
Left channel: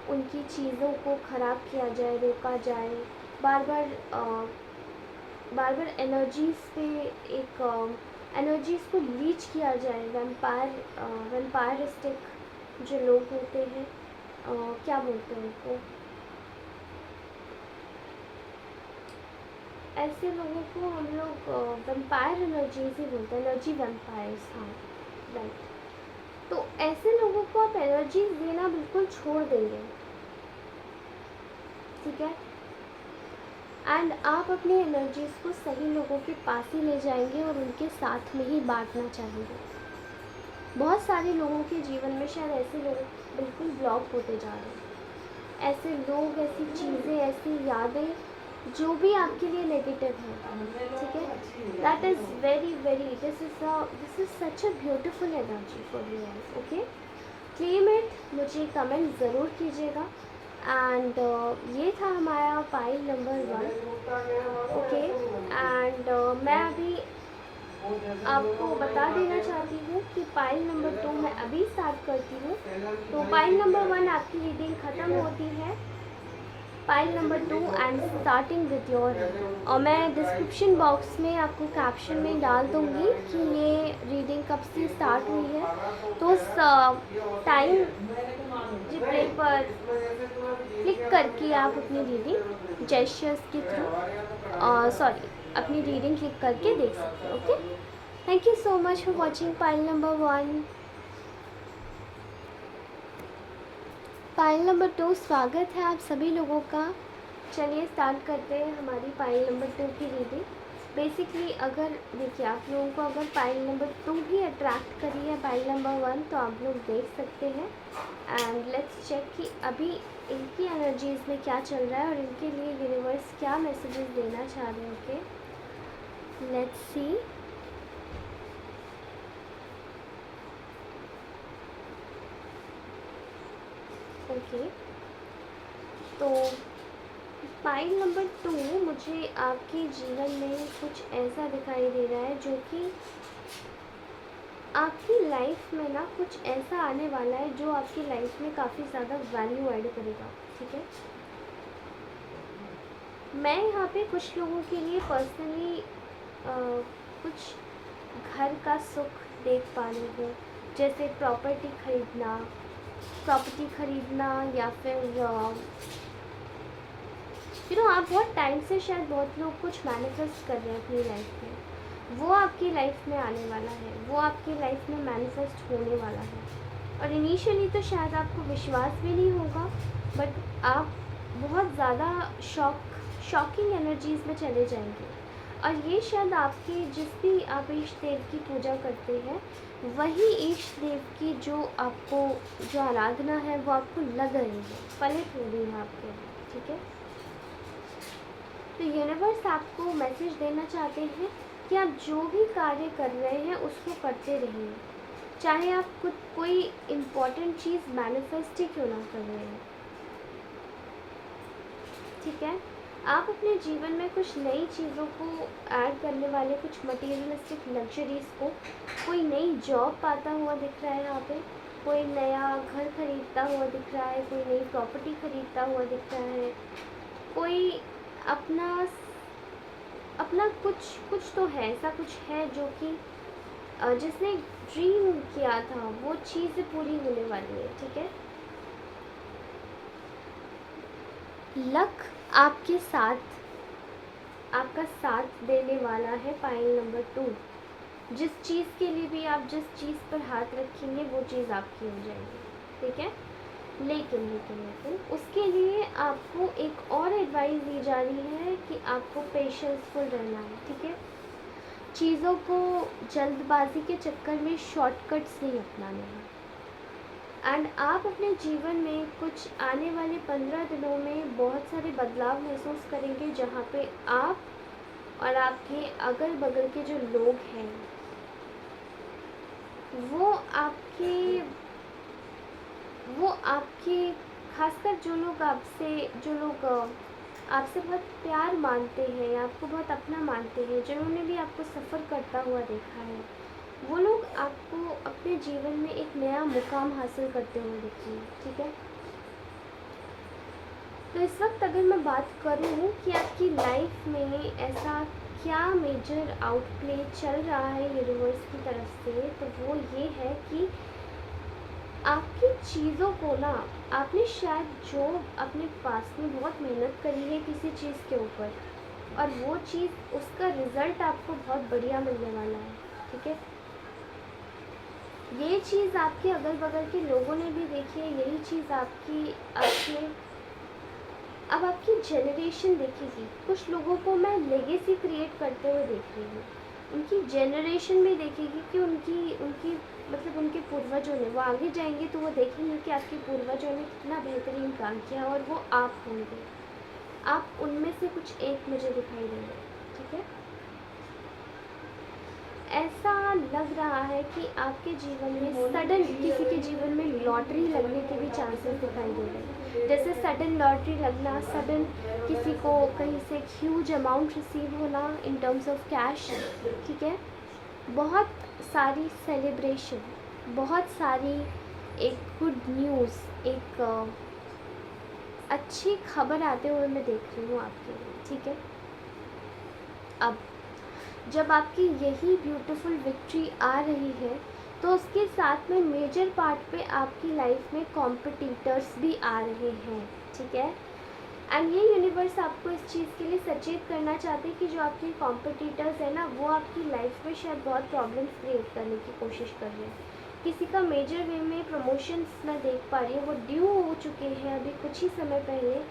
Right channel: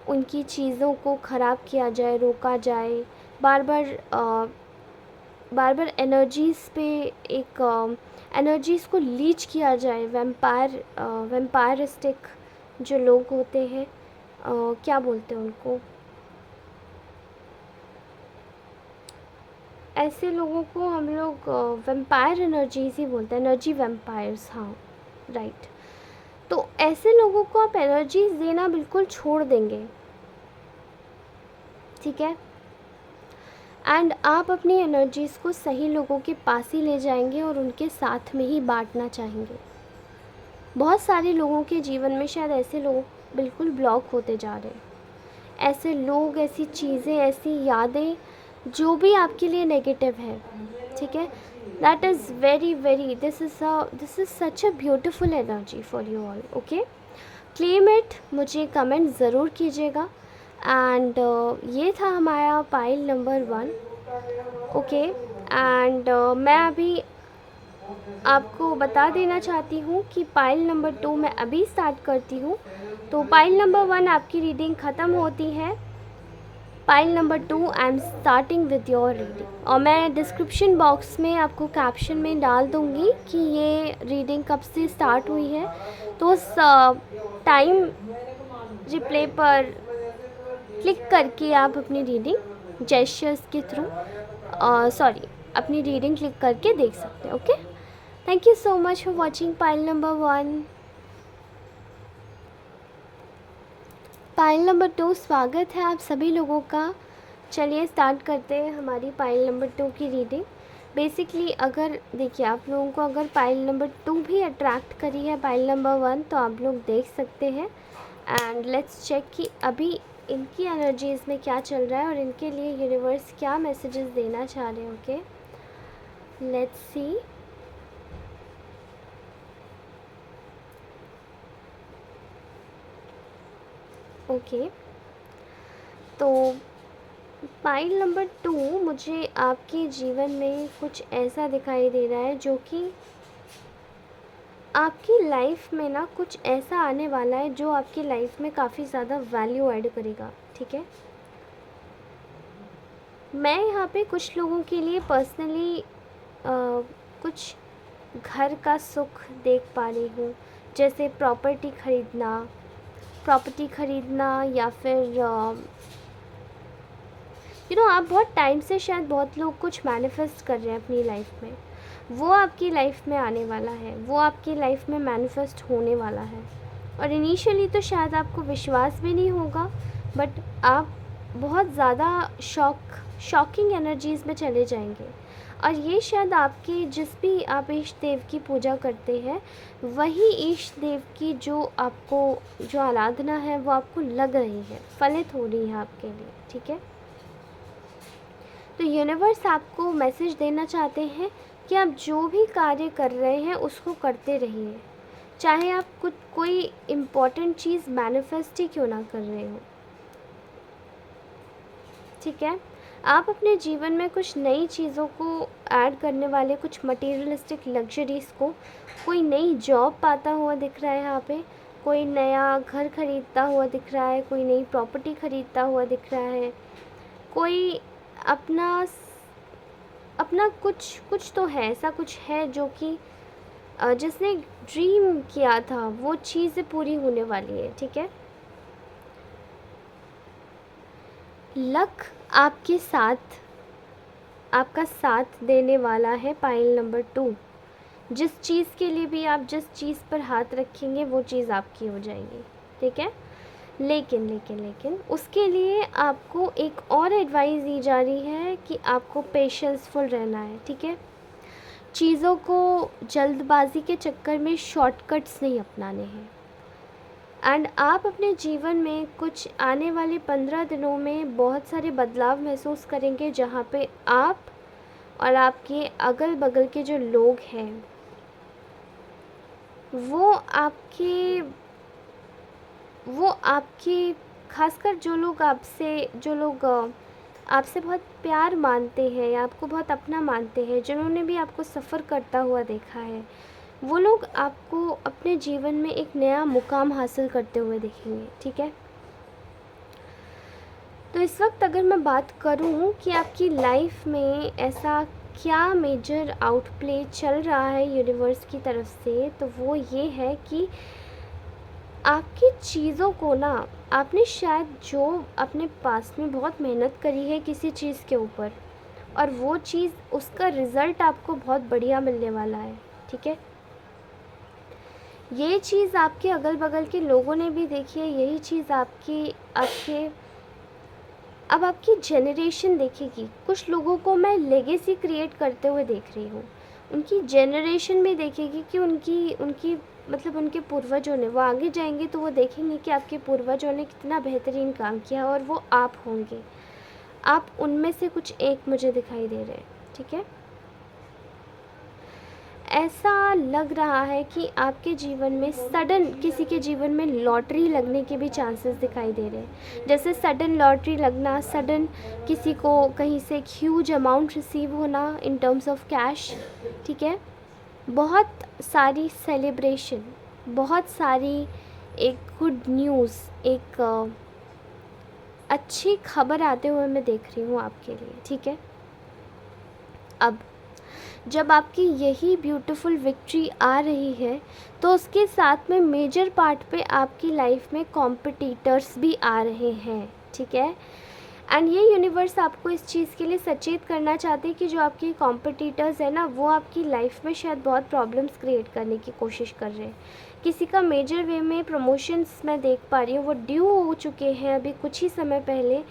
उनकी चीज़ों को ख़राब किया जाए, रोका जाए, बार बार एनर्जीज़ पे एक एनर्जीज़ को लीच किया जाए। वैम्पायरिस्टिक जो लोग होते हैं, क्या बोलते हैं उनको, ऐसे लोगों को हम लोग वैम्पायर एनर्जीज़ ही बोलते हैं, एनर्जी वैम्पायर्स। हाँ, राइट। तो ऐसे लोगों को आप एनर्जीज देना बिल्कुल छोड़ देंगे। ठीक है, एंड आप अपनी एनर्जीज़ को सही लोगों के पास ही ले जाएंगे और उनके साथ में ही बांटना चाहेंगे। बहुत सारे लोगों के जीवन में शायद ऐसे लोग बिल्कुल ब्लॉक होते जा रहे हैं, ऐसे लोग, ऐसी चीज़ें, ऐसी यादें जो भी आपके लिए नेगेटिव है। ठीक है, that is very this is such a beautiful energy for you all. Okay, claim it, मुझे कमेंट ज़रूर कीजिएगा। एंड ये था हमारा पाइल नंबर 1। ओके, एंड मैं अभी आपको बता देना चाहती हूँ कि पाइल नंबर 2 मैं अभी स्टार्ट करती हूँ। तो पाइल नंबर 1 आपकी रीडिंग ख़त्म होती है, pile number 2 I am starting with your reading. और मैं डिस्क्रिप्शन बॉक्स में आपको कैप्शन में डाल दूँगी कि ये रीडिंग कब से स्टार्ट हुई है, तो उस टाइम रिप्ले पर क्लिक करके आप अपनी रीडिंग जेस्चर्स के थ्रू अपनी रीडिंग क्लिक करके देख सकते हो। Okay, thank you so much for watching pile number 1। Pile number 2, स्वागत है आप सभी लोगों का। चलिए स्टार्ट करते हैं हमारी पाइल नंबर 2 की रीडिंग। बेसिकली अगर देखिए, आप लोगों को अगर पाइल नंबर 2 भी अट्रैक्ट करी है पाइल नंबर 1, तो आप लोग देख सकते हैं। एंड लेट्स चेक कि अभी इनकी एनर्जीज़ में क्या चल रहा है और इनके लिए यूनिवर्स क्या मैसेजेस देना चाह रहे हैं। Okay, let's see. ओके, तो पाइल नंबर 2 मुझे आपके जीवन में कुछ ऐसा दिखाई दे रहा है जो कि आपकी लाइफ में ना कुछ ऐसा आने वाला है जो आपकी लाइफ में काफ़ी ज़्यादा वैल्यू ऐड करेगा। ठीक है, मैं यहाँ पे कुछ लोगों के लिए पर्सनली कुछ घर का सुख देख पा रही हूँ, जैसे प्रॉपर्टी खरीदना या फिर आप बहुत टाइम से शायद बहुत लोग कुछ मैनिफेस्ट कर रहे हैं अपनी लाइफ में, वो आपकी लाइफ में आने वाला है, वो आपकी लाइफ में मैनिफेस्ट होने वाला है। और इनिशियली तो शायद आपको विश्वास भी नहीं होगा, बट आप बहुत ज़्यादा शॉकिंग एनर्जीज़ में चले जाएंगे। और ये शायद आपके, जिस भी आप इष्ट देव की पूजा करते हैं, वही इष्ट देव की जो आराधना है वो आपको लग रही है, फलित हो रही है आपके लिए। ठीक है, तो यूनिवर्स आपको मैसेज देना चाहते हैं कि आप जो भी कार्य कर रहे हैं उसको करते रहिए, चाहे आप खुद कोई इम्पोर्टेंट चीज़ मैनिफेस्ट ही क्यों ना कर रहे हो। ठीक है, आप अपने जीवन में कुछ नई चीज़ों को ऐड करने वाले, कुछ मटेरियलिस्टिक लग्जरीज़ को, कोई नई जॉब पाता हुआ दिख रहा है यहाँ पे, कोई नया घर खरीदता हुआ दिख रहा है, कोई नई प्रॉपर्टी खरीदता हुआ दिख रहा है, कोई अपना अपना कुछ तो है, ऐसा कुछ है जो कि जिसने ड्रीम किया था वो चीज़ पूरी होने वाली है। ठीक है, लक आपके साथ, आपका साथ देने वाला है। पाइल नंबर 2, जिस चीज़ के लिए भी आप जिस चीज़ पर हाथ रखेंगे वो चीज़ आपकी हो जाएगी। ठीक है, लेकिन लेकिन लेकिन उसके लिए आपको एक और एडवाइस दी जा रही है कि आपको पेशेंसफुल रहना है। ठीक है, चीज़ों को जल्दबाजी के चक्कर में शॉर्टकट्स नहीं अपनाने हैं। एंड आप अपने जीवन में कुछ आने वाले 15 दिनों में बहुत सारे बदलाव महसूस करेंगे, जहाँ पे आप और आपके अगल बगल के जो लोग हैं वो आपके खासकर जो लोग आपसे बहुत प्यार मानते हैं या आपको बहुत अपना मानते हैं, जिन्होंने भी आपको सफ़र करता हुआ देखा है, वो लोग आपको अपने जीवन में एक नया मुकाम हासिल करते हुए देखेंगे। ठीक है, तो इस वक्त अगर मैं बात करूं कि आपकी लाइफ में ऐसा क्या मेजर आउटप्ले चल रहा है यूनिवर्स की तरफ से, तो वो ये है कि आपकी चीज़ों को ना, आपने शायद जो अपने पास में बहुत मेहनत करी है किसी चीज़ के ऊपर, और वो चीज़, उसका रिज़ल्ट आपको बहुत बढ़िया मिलने वाला है। ठीक है, ये चीज़ आपके अगल बगल के लोगों ने भी देखी है, यही चीज़ अब आपकी जनरेशन देखेगी। कुछ लोगों को मैं लेगेसी क्रिएट करते हुए देख रही हूँ, उनकी जनरेशन भी देखेगी कि उनकी मतलब उनके पूर्वजों ने, वो आगे जाएंगे तो वो देखेंगे कि आपके पूर्वजों ने कितना बेहतरीन काम किया, और वो आप होंगे, आप उनमें से कुछ एक मुझे दिखाई दे रहे हैं। ठीक है, ऐसा लग रहा है कि आपके जीवन में सडन, किसी के जीवन में लॉटरी लगने के भी चांसेस दिखाई दे रहे हैं, जैसे सडन लॉटरी लगना, सडन किसी को कहीं से एक ह्यूज अमाउंट रिसीव होना इन टर्म्स ऑफ कैश। ठीक है, बहुत सारी सेलिब्रेशन, बहुत सारी एक गुड न्यूज़, एक अच्छी खबर आते हुए मैं देख रही हूँ आपके लिए। ठीक है, अब जब आपकी यही ब्यूटीफुल विक्ट्री आ रही है, तो उसके साथ में मेजर पार्ट पे आपकी लाइफ में कॉम्पिटिटर्स भी आ रहे हैं। ठीक है, एंड ये यूनिवर्स आपको इस चीज़ के लिए सचेत करना चाहते हैं कि जो आपके कॉम्पिटिटर्स हैं ना, वो आपकी लाइफ में शायद बहुत प्रॉब्लम्स क्रिएट करने की कोशिश कर रहे हैं। किसी का मेजर वे में प्रमोशंस मैं देख पा रही हूँ, वो ड्यू हो चुके हैं अभी कुछ ही समय पहले।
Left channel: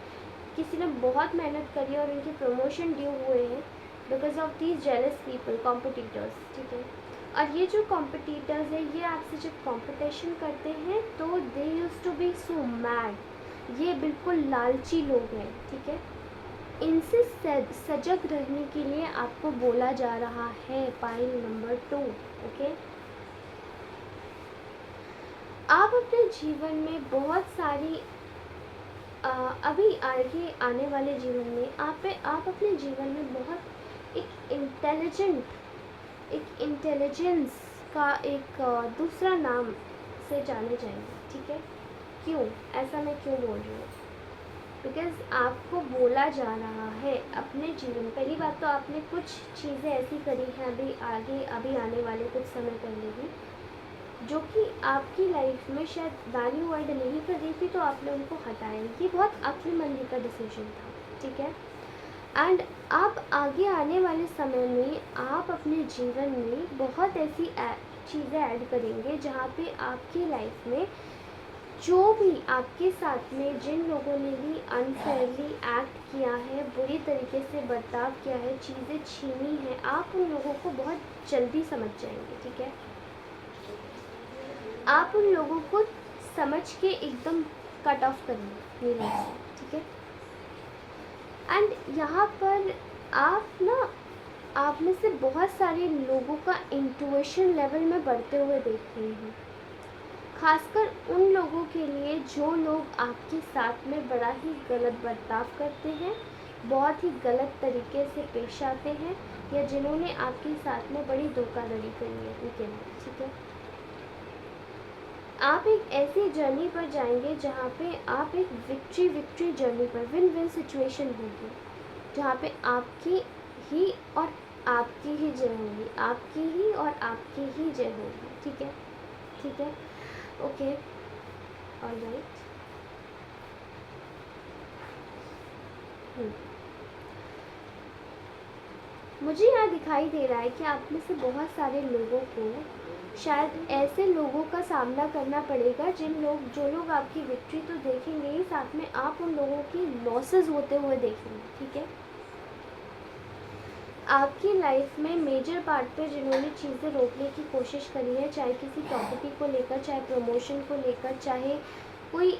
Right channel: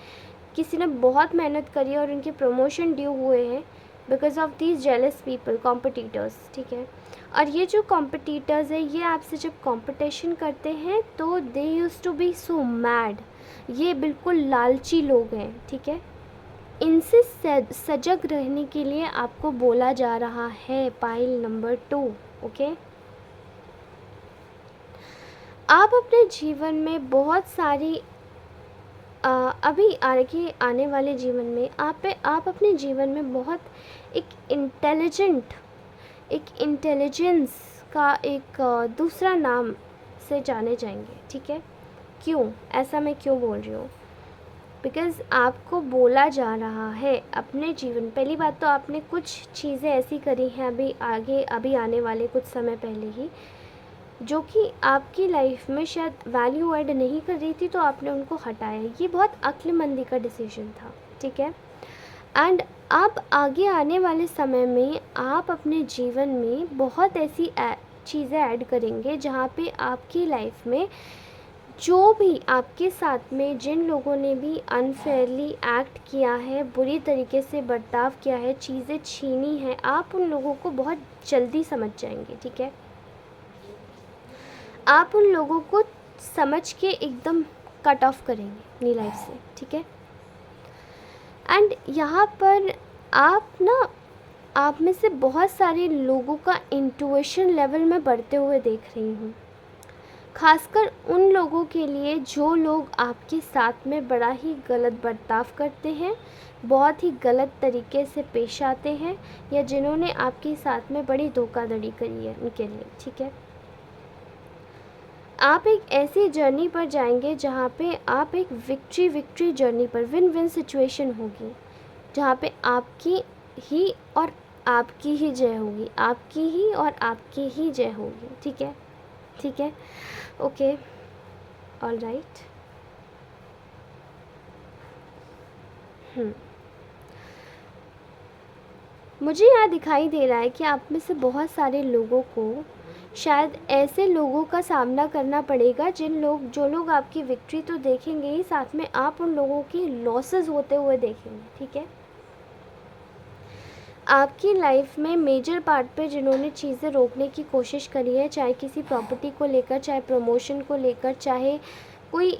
किसी ने बहुत मेहनत करी और उनके प्रमोशन ड्यू हुए हैं because of these jealous people, competitors. ठीक है, और ये जो कॉम्पिटिटर्स है, ये आपसे जब कॉम्पिटिशन करते हैं तो they used to be so mad, ये बिल्कुल लालची लोग हैं। ठीक है, इनसे सजग रहने के लिए आपको बोला जा रहा है। Pile number 2। ओके, आप अपने जीवन में बहुत सारी अभी आगे आने वाले जीवन में आप अपने जीवन में बहुत एक इंटेलिजेंस का एक दूसरा नाम से जाने जाएंगे। ठीक है, क्यों ऐसा मैं क्यों बोल रही हूँ, बिकॉज़ आपको बोला जा रहा है अपने जीवन, पहली बात तो आपने कुछ चीज़ें ऐसी करी हैं अभी आने वाले कुछ समय पहले ही, जो कि आपकी लाइफ में शायद वैल्यू ऐड नहीं कर रही थी, तो आपने उनको हटाया। ये बहुत अक्लमंदी का डिसीजन था। ठीक है, एंड आप आगे आने वाले समय में आप अपने जीवन में बहुत ऐसी चीज़ें ऐड करेंगे जहाँ पे आपकी लाइफ में जो भी आपके साथ में जिन लोगों ने भी अनफेयरली एक्ट किया है, बुरी तरीके से बर्ताव किया है, चीज़ें छीनी हैं, आप उन लोगों को बहुत जल्दी समझ जाएंगे। ठीक है, आप उन लोगों को समझ के एकदम कट ऑफ करेंगे अपनी लाइफ से। ठीक है, एंड यहाँ पर आप में से बहुत सारे लोगों का इंट्यूशन लेवल में बढ़ते हुए देख रही हूँ, खासकर उन लोगों के लिए जो लोग आपके साथ में बड़ा ही गलत बर्ताव करते हैं, बहुत ही गलत तरीके से पेश आते हैं, या जिन्होंने आपके साथ में बड़ी धोखाधड़ी करी है उनके लिए, ठीक है। आप एक ऐसी जर्नी पर जाएंगे जहाँ पे आप एक विक्ट्री जर्नी पर, विन विन सिचुएशन होगी, जहाँ पे आपकी ही और आपकी ही जय होगी, आपकी ही और आपकी ही जय होगी, ठीक है, ठीक है, ओके, ऑल राइट। मुझे यहाँ दिखाई दे रहा है कि आप में से बहुत सारे लोगों को शायद ऐसे लोगों का सामना करना पड़ेगा जो लोग आपकी विक्ट्री तो देखेंगे ही, साथ में आप उन लोगों की लॉसेस होते हुए देखेंगे, ठीक है। आपकी लाइफ में मेजर पार्ट पे जिन्होंने चीज़ें रोकने की कोशिश करी है, चाहे किसी प्रॉपर्टी को लेकर, चाहे प्रमोशन को लेकर, चाहे कोई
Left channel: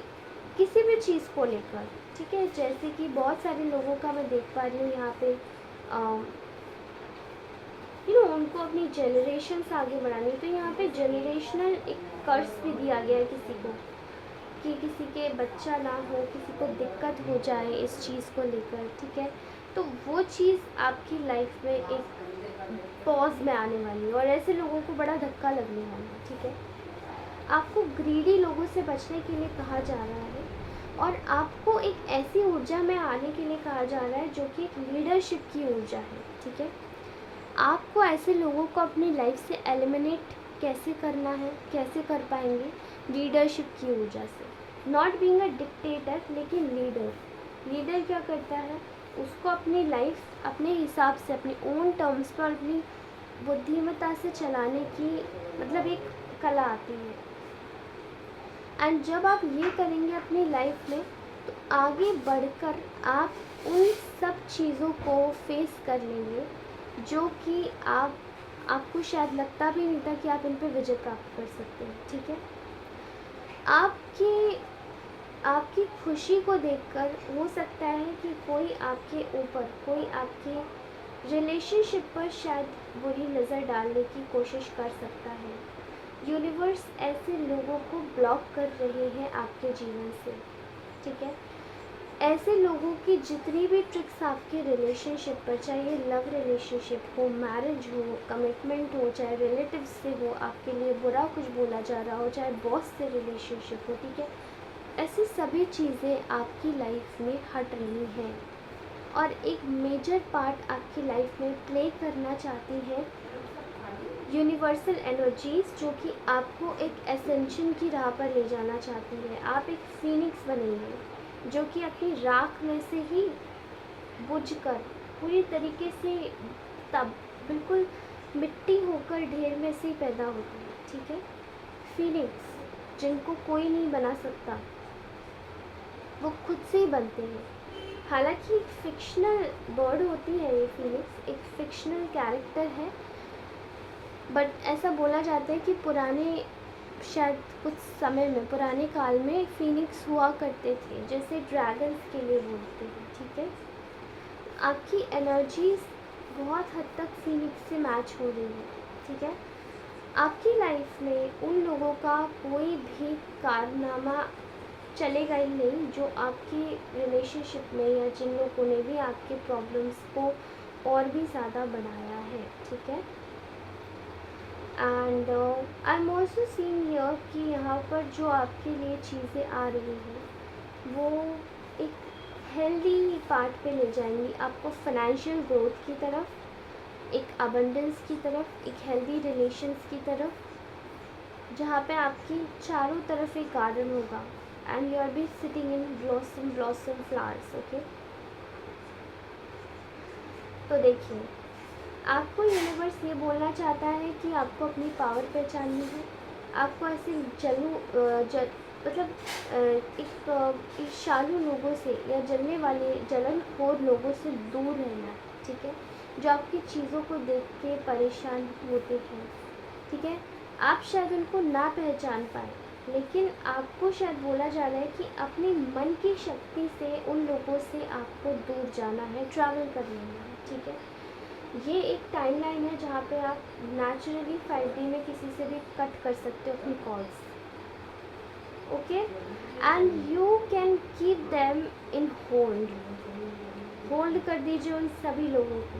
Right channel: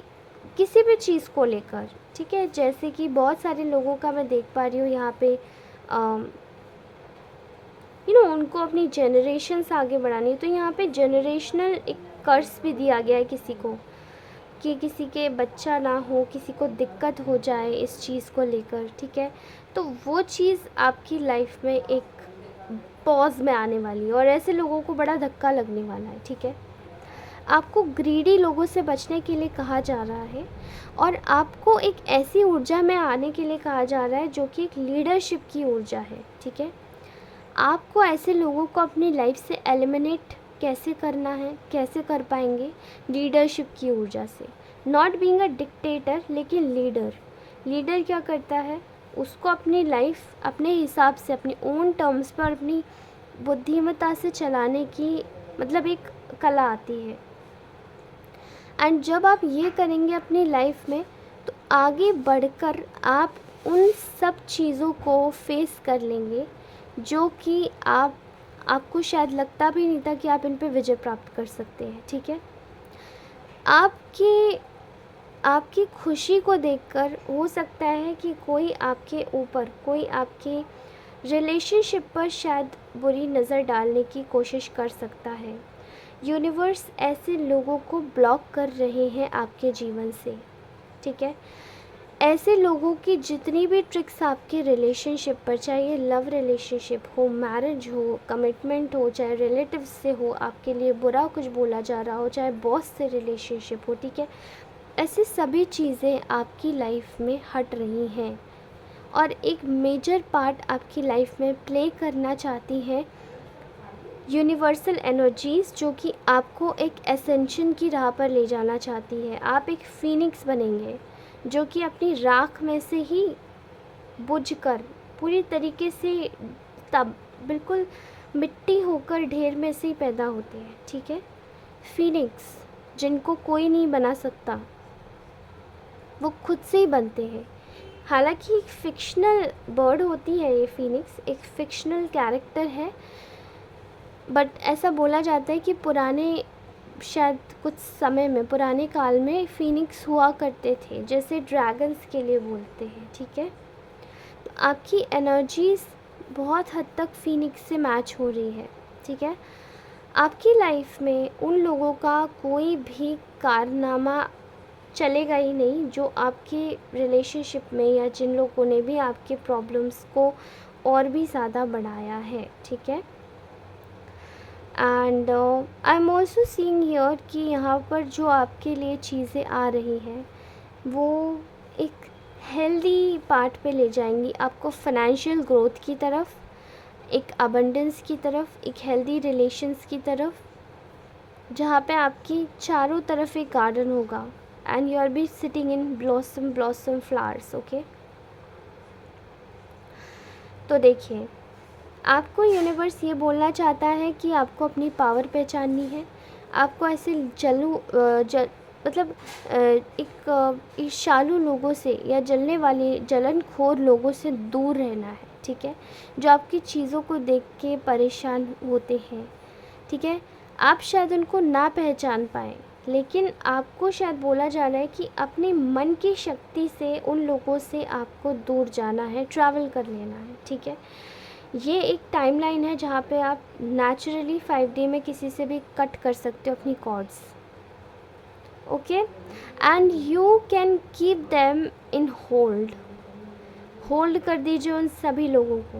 किसी भी चीज़ को लेकर, ठीक है, जैसे कि बहुत सारे लोगों का मैं देख पा रही हूँ यहाँ पे उनको अपनी जनरेशन्स आगे बढ़ानी, तो यहाँ पे जनरेशनल एक कर्स भी दिया गया है किसी को, कि किसी के बच्चा ना हो, किसी को दिक्कत हो जाए इस चीज़ को लेकर, ठीक है। तो वो चीज़ आपकी लाइफ में एक पॉज में आने वाली है और ऐसे लोगों को बड़ा धक्का लगने वाला है, ठीक है। आपको ग्रीडी लोगों से बचने के लिए कहा जा रहा है और आपको एक ऐसी ऊर्जा में आने के लिए कहा जा रहा है जो कि एक लीडरशिप की ऊर्जा है, ठीक है। आपको ऐसे लोगों को अपनी लाइफ से एलिमिनेट कैसे करना है, कैसे कर पाएंगे, लीडरशिप की ऊर्जा से, नॉट बीइंग अ डिक्टेटर, लेकिन लीडर क्या करता है, उसको अपनी लाइफ अपने हिसाब से, अपनी ओन टर्म्स पर, अपनी बुद्धिमत्ता से चलाने की मतलब एक कला आती है। एंड जब आप ये करेंगे अपनी लाइफ में, तो आगे बढ़कर आप उन सब चीज़ों को फेस कर लेंगे जो कि आपको शायद लगता भी नहीं था कि आप इन पे विजय प्राप्त कर सकते हैं, ठीक है। आपकी खुशी को देखकर हो सकता है कि कोई आपके ऊपर, कोई आपके रिलेशनशिप पर शायद बुरी नज़र डालने की कोशिश कर सकता है। यूनिवर्स ऐसे लोगों को ब्लॉक कर रहे हैं आपके जीवन से, ठीक है। ऐसे लोगों की जितनी भी ट्रिक्स आपके रिलेशनशिप पर, चाहे ये लव रिलेशनशिप हो, मैरिज हो, कमिटमेंट हो, चाहे रिलेटिव से हो, आपके लिए बुरा कुछ बोला जा रहा हो, चाहे बॉस से रिलेशनशिप हो, ठीक है, ऐसी सभी चीज़ें आपकी लाइफ में हट रही हैं और एक मेजर पार्ट आपकी लाइफ में प्ले करना चाहती है यूनिवर्सल एनर्जीज़, जो कि आपको एक एसेंशन की राह पर ले जाना चाहती है। आप एक फीनिक्स बनेंगे जो कि अपनी राख में से ही बुझकर पूरी तरीके से तब बिल्कुल मिट्टी होकर ढेर में से ही पैदा होते हैं, ठीक है। फीनिक्स जिनको कोई नहीं बना सकता, वो खुद से ही बनते हैं। हालांकि एक फिक्शनल बर्ड होती है ये फीनिक्स, एक फिक्शनल कैरेक्टर है, बट ऐसा बोला जाता है कि शायद कुछ समय में, पुराने काल में फीनिक्स हुआ करते थे, जैसे ड्रैगन्स के लिए बोलते हैं, ठीक है। तो आपकी एनर्जीज़ बहुत हद तक फीनिक्स से मैच हो रही है, ठीक है। आपकी लाइफ में उन लोगों का कोई भी कारनामा चलेगा ही नहीं जो आपके रिलेशनशिप में, या जिन लोगों ने भी आपके प्रॉब्लम्स को और भी ज़्यादा बढ़ाया है, ठीक है। And I am also seeing here कि यहाँ पर जो आपके लिए चीज़ें आ रही हैं वो एक हेल्दी पार्ट पे ले जाएंगी आपको, फाइनेंशियल ग्रोथ की तरफ, एक अबंडेंस की तरफ, एक हेल्दी रिलेशंस की तरफ, जहाँ पे आपकी चारों तरफ एक गार्डन होगा and you R be sitting in blossom flowers, okay. तो देखिए, आपको यूनिवर्स ये बोलना चाहता है कि आपको अपनी पावर पहचाननी है, आपको ऐसे एक ईर्ष्यालु लोगों से या जलने वाले जलनखोर लोगों से दूर रहना है, ठीक है, जो आपकी चीज़ों को देख के परेशान होते हैं, ठीक है। आप शायद उनको ना पहचान पाएँ, लेकिन आपको शायद बोला जा रहा है कि अपने मन की शक्ति से उन लोगों से आपको दूर जाना है, ट्रैवल कर लेना है, ठीक है। ये एक टाइमलाइन है जहाँ पे आप नेचुरली 5D में किसी से भी कट कर सकते हो अपनी cards, okay. And you can keep them in hold कर दीजिए उन सभी लोगों को।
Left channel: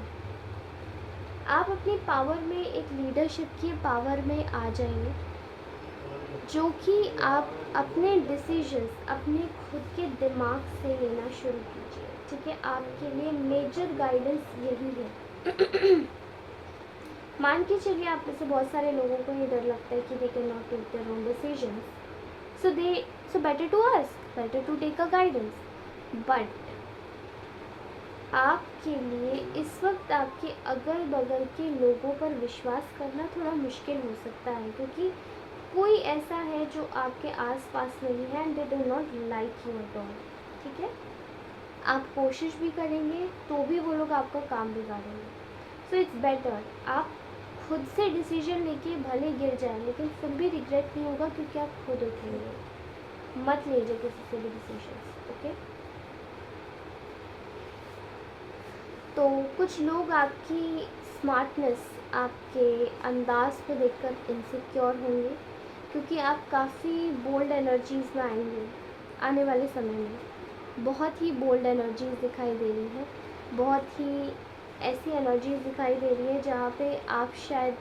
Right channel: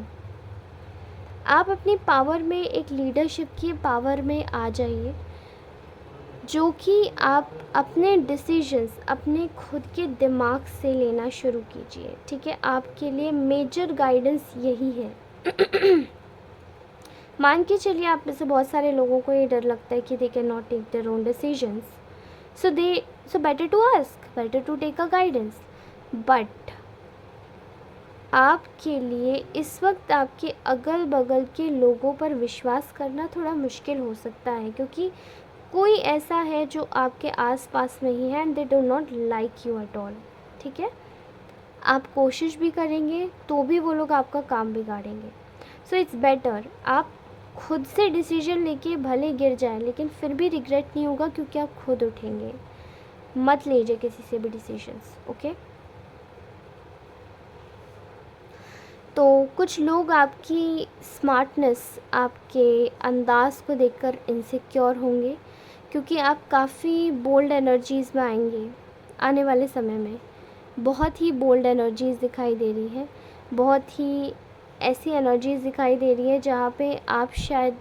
आप अपनी पावर में, एक लीडरशिप की पावर में आ जाइए, जो कि आप अपने डिसीजंस अपने खुद के दिमाग से लेना शुरू कीजिए, ठीक है। आपके लिए मेजर गाइडेंस यही है। मान के चलिए आप में से बहुत सारे लोगों को ये डर लगता है कि they can not take their own decisions, so better to ask, better to take a guidance. But आपके लिए इस वक्त आपके अगल बगल के लोगों पर विश्वास करना थोड़ा मुश्किल हो सकता है, क्योंकि कोई ऐसा है जो आपके आसपास नहीं है and they do not like you at all, ठीक है। आप कोशिश भी करेंगे तो भी वो लोग आपका काम बिगाड़ेंगे। सो इट्स बेटर आप खुद से डिसीजन लेके भले गिर जाए, लेकिन फिर भी रिग्रेट नहीं होगा, क्योंकि आप खुद उठेंगे। मत लीजिए किसी से भी डिसीजंस, ओके। तो कुछ लोग आपकी स्मार्टनेस, आपके अंदाज़ को देखकर इनसिक्योर होंगे, क्योंकि आप काफ़ी बोल्ड एनर्जीज़ में आएंगे आने वाले समय में। बहुत ही बोल्ड एनर्जीज़ दिखाई दे रही है, बहुत ही ऐसी एनर्जीज़ दिखाई दे रही है जहाँ पे आप शायद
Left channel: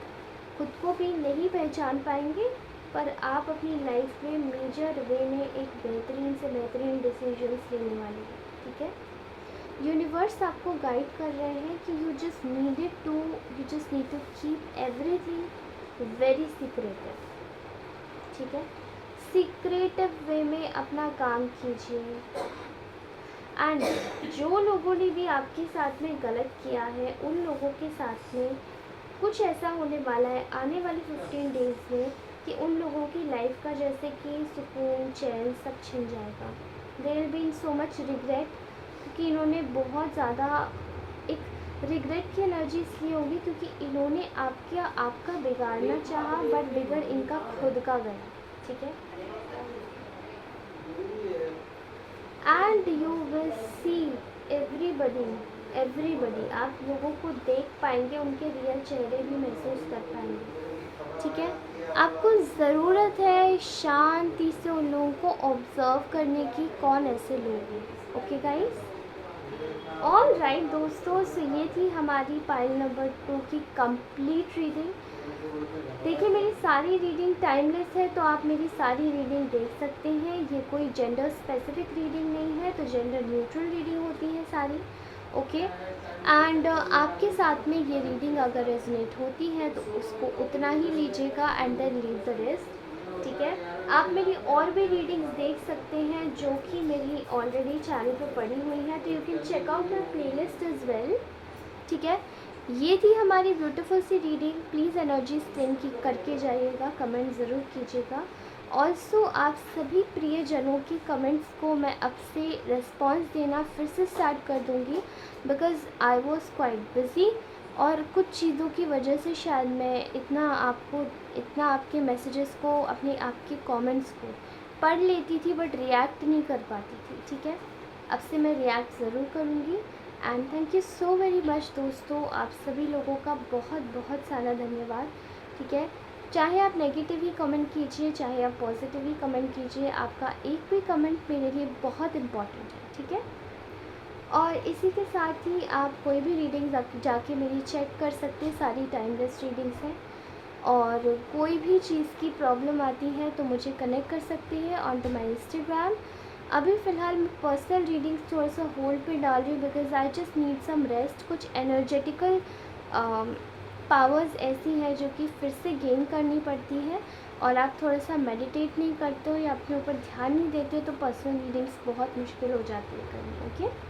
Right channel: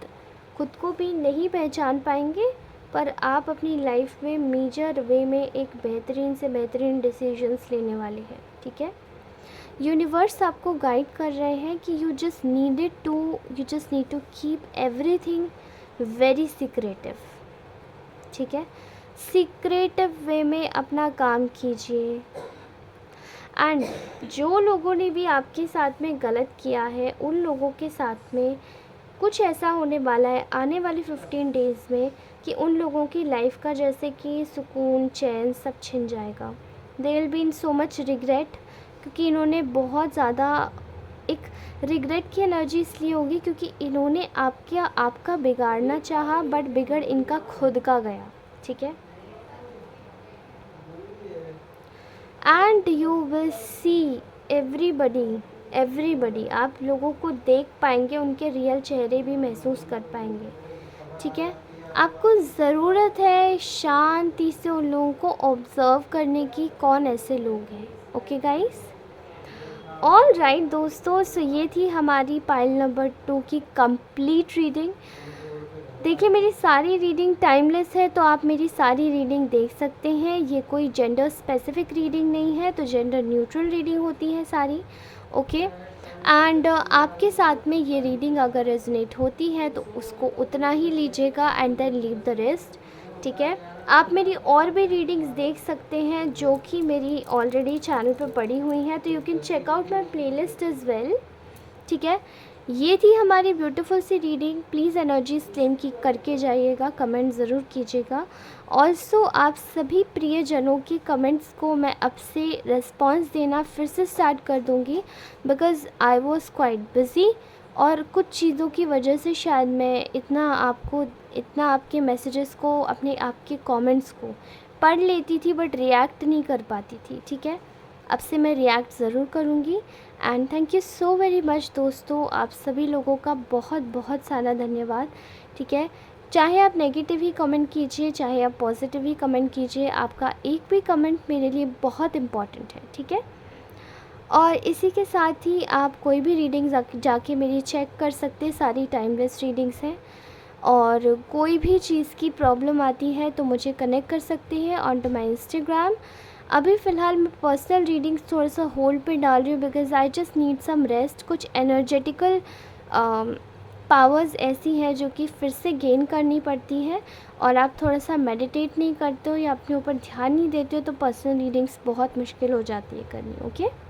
खुद को भी नहीं पहचान पाएंगे, पर आप अपनी लाइफ में मेजर वे में एक बेहतरीन से बेहतरीन डिसीजंस लेने वाले हैं, ठीक है। यूनिवर्स आपको गाइड कर रहे हैं कि you just need to keep everything very secretive, ठीक है। सीक्रेटिव वे में अपना काम कीजिए। एंड जो लोगों ने भी आपके साथ में गलत किया है, उन लोगों के साथ में कुछ ऐसा होने वाला है आने वाले 15 डेज़ में कि उन लोगों की लाइफ का जैसे कि सुकून, चैन सब छिन जाएगा। They will be in so much regret, क्योंकि इन्होंने बहुत ज़्यादा एक रिग्रेट की एनर्जी इसलिए होगी क्योंकि इन्होंने आपका बिगाड़ना चाहा, बट बिगड़ इनका खुद का गया, ठीक है। And you will see everybody आप लोगों को देख पाएंगे, उनके रियल चेहरे भी महसूस कर पाएंगे, ठीक है। आपको ज़रूरत है शांति से उन लोगों को ऑब्ज़र्व करने की, कौन ऐसे लोग हैं, ओके गाइस। ऑल राइट दोस्तों, सो ये थी हमारी पाइल नंबर 2 की कंप्लीट रीडिंग। देखिए मेरी सारी रीडिंग टाइमलेस है, तो आप मेरी सारी रीडिंग देख सकते हैं। ये कोई जेंडर स्पेसिफिक रीडिंग नहीं है, तो जेंडर न्यूट्रल रीडिंग होती है सारी, ओके। एंड आपके साथ में ये रीडिंग अगर रेजोनेट होती है तो उसको उतना ही लीजिएगा and then leave the rest, ठीक है। आप मेरी और भी रीडिंग्स देख सकते हैं जो कि मेरी ऑलरेडी चैनल पर पड़ी हुई हैं, तो you can check out my playlist as well, ठीक है। ये थी हमारी ब्यूटीफुल सी रीडिंग। प्लीज़ एनर्जीज क्लेम की करके जाइएगा, कमेंट ज़रूर कीजिएगा। ऑल्सो आप सभी प्रियजनों की कमेंट्स को मैं अब से रिस्पॉन्स देना फिर से स्टार्ट कर दूँगी, because I was quite busy और कुछ चीज़ों की वजह से शायद मैं इतना आपके मैसेजेस को, अपने आपके कमेंट्स को पढ़ लेती थी बट रिएक्ट नहीं कर पाती थी, ठीक है। अब से मैं रिएक्ट ज़रूर करूँगी। And thank you so very much दोस्तों, आप सभी लोगों का बहुत बहुत सारा धन्यवाद, ठीक है। चाहे आप नेगेटिव ही कमेंट कीजिए, चाहे आप पॉजिटिव ही कमेंट कीजिए, आपका एक भी कमेंट मेरे लिए बहुत इम्पॉर्टेंट है, ठीक है। और इसी के साथ ही आप कोई भी रीडिंग जाके मेरी चेक कर सकते हैं, सारी टाइमलेस रीडिंग्स हैं। और कोई भी चीज़ की प्रॉब्लम आती है तो मुझे कनेक्ट कर सकते हैं ऑन टू माई इंस्टाग्राम। अभी फ़िलहाल मैं पर्सनल रीडिंग्स थोड़ा सा होल्ड पे डाल रही हूँ, because I just need some rest. कुछ एनर्जेटिकल पावर्स ऐसी हैं जो कि फिर से गेन करनी पड़ती है, और आप थोड़ा सा मेडिटेट नहीं करते हो या अपने ऊपर ध्यान नहीं देते हो तो पर्सनल रीडिंग्स बहुत मुश्किल हो जाती है करनी, ओके।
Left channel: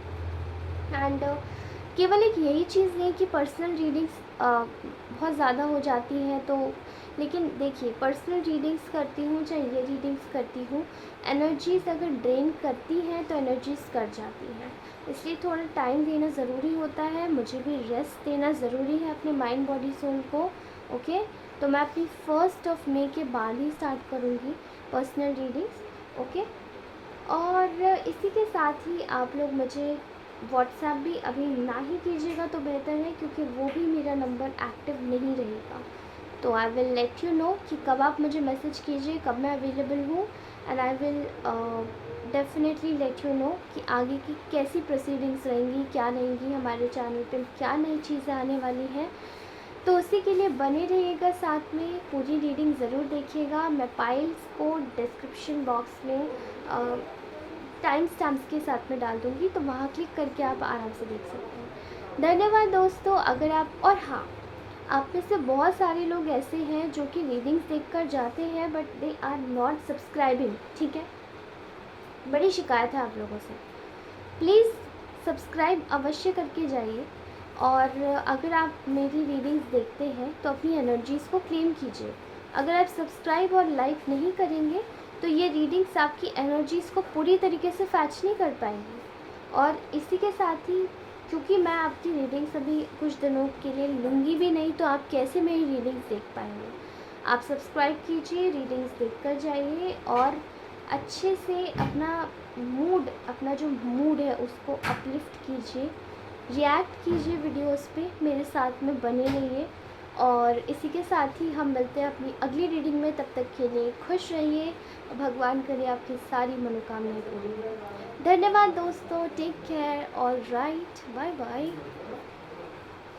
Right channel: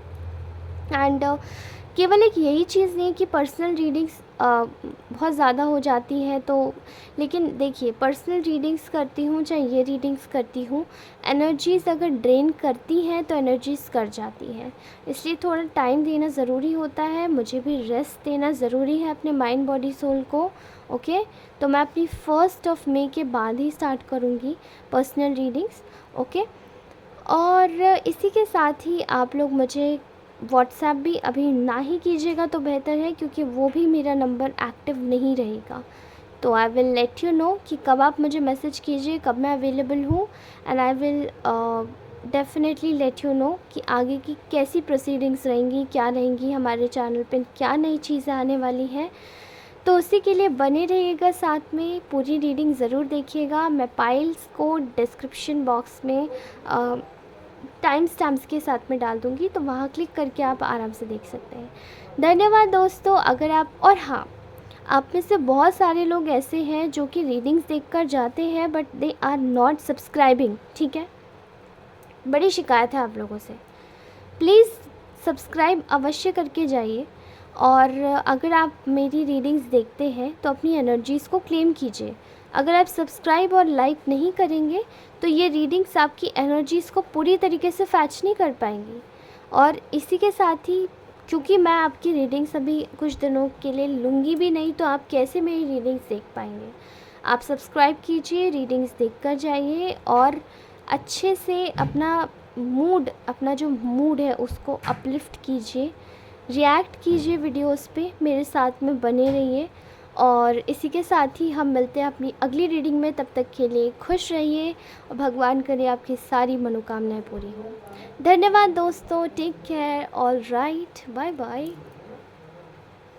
एंड केवल एक यही चीज़ नहीं कि पर्सनल रीडिंग्स बहुत ज़्यादा हो जाती है, तो लेकिन देखिए पर्सनल रीडिंग्स करती हूँ चाहे ये रीडिंग्स करती हूँ, एनर्जीज़ अगर ड्रेन करती हैं तो एनर्जीज़ कर जाती हैं, इसलिए थोड़ा टाइम देना ज़रूरी होता है। मुझे भी रेस्ट देना ज़रूरी है अपने माइंड बॉडी सोल को, ओके। तो मैं अपनी 1 मई के बाद ही स्टार्ट करूँगी पर्सनल रीडिंग्स, ओके। और इसी के साथ ही आप लोग मुझे व्हाट्सएप भी अभी ना ही कीजिएगा तो बेहतर है, क्योंकि वो भी मेरा नंबर एक्टिव नहीं रहेगा। तो I will let you know कि कब आप मुझे मैसेज कीजिए, कब मैं अवेलेबल हूँ, and I will definitely let you know कि आगे की कैसी प्रोसीडिंग्स रहेंगी, क्या रहेंगी, हमारे चैनल पे क्या नई चीज़ें आने वाली हैं। तो उसी के लिए बने रहिएगा साथ में, पूरी रीडिंग ज़रूर देखिएगा। मैं पाइल्स को डिस्क्रिप्शन बॉक्स में टाइम स्टैम्प्स के साथ में डाल दूँगी, तो वहाँ क्लिक करके आप आराम से देख सकते हैं। धन्यवाद दोस्तों। अगर आप, और हाँ, आप में से बहुत सारे लोग ऐसे हैं जो कि रीडिंग्स देखकर जाते हैं but they are not subscribing, ठीक है, बड़ी शिकायत है आप लोगों से। प्लीज़ सब्सक्राइब अवश्य करके जाइए। और अगर आप मेरी रीडिंग्स देखते हैं तो अपनी एनर्जीज़ को क्लेम कीजिए। अगर आप सब्सक्राइब और लाइक नहीं करेंगे तो ये रीडिंग्स आपकी एनर्जीज़ को पूरी तरीके से फैच नहीं कर पाएंगी। और इसी के साथ ही, क्योंकि मैं आपकी रीडिंग्स अभी कुछ दिनों के लिए लूँगी भी नहीं, तो आप कैसे मेरी रीडिंग्स देख पाएंगे। आप सब्सक्राइब कीजिए, रीडिंग्स देख कर जाइए और अच्छे से अपना जो मूड है उसको अपलिफ्ट कीजिए, रिएक्ट कीजिए वीडियोस पे, मेरे साथ में बने रहिए। और इसी के साथ ही हम मिलते हैं अपनी अगली रीडिंग में। तब तक के लिए खुश रहिए और भगवान करे आपकी सारी मनोकामनाएं पूरी हो। धन्यवाद दोस्तों, take care, all right, bye bye.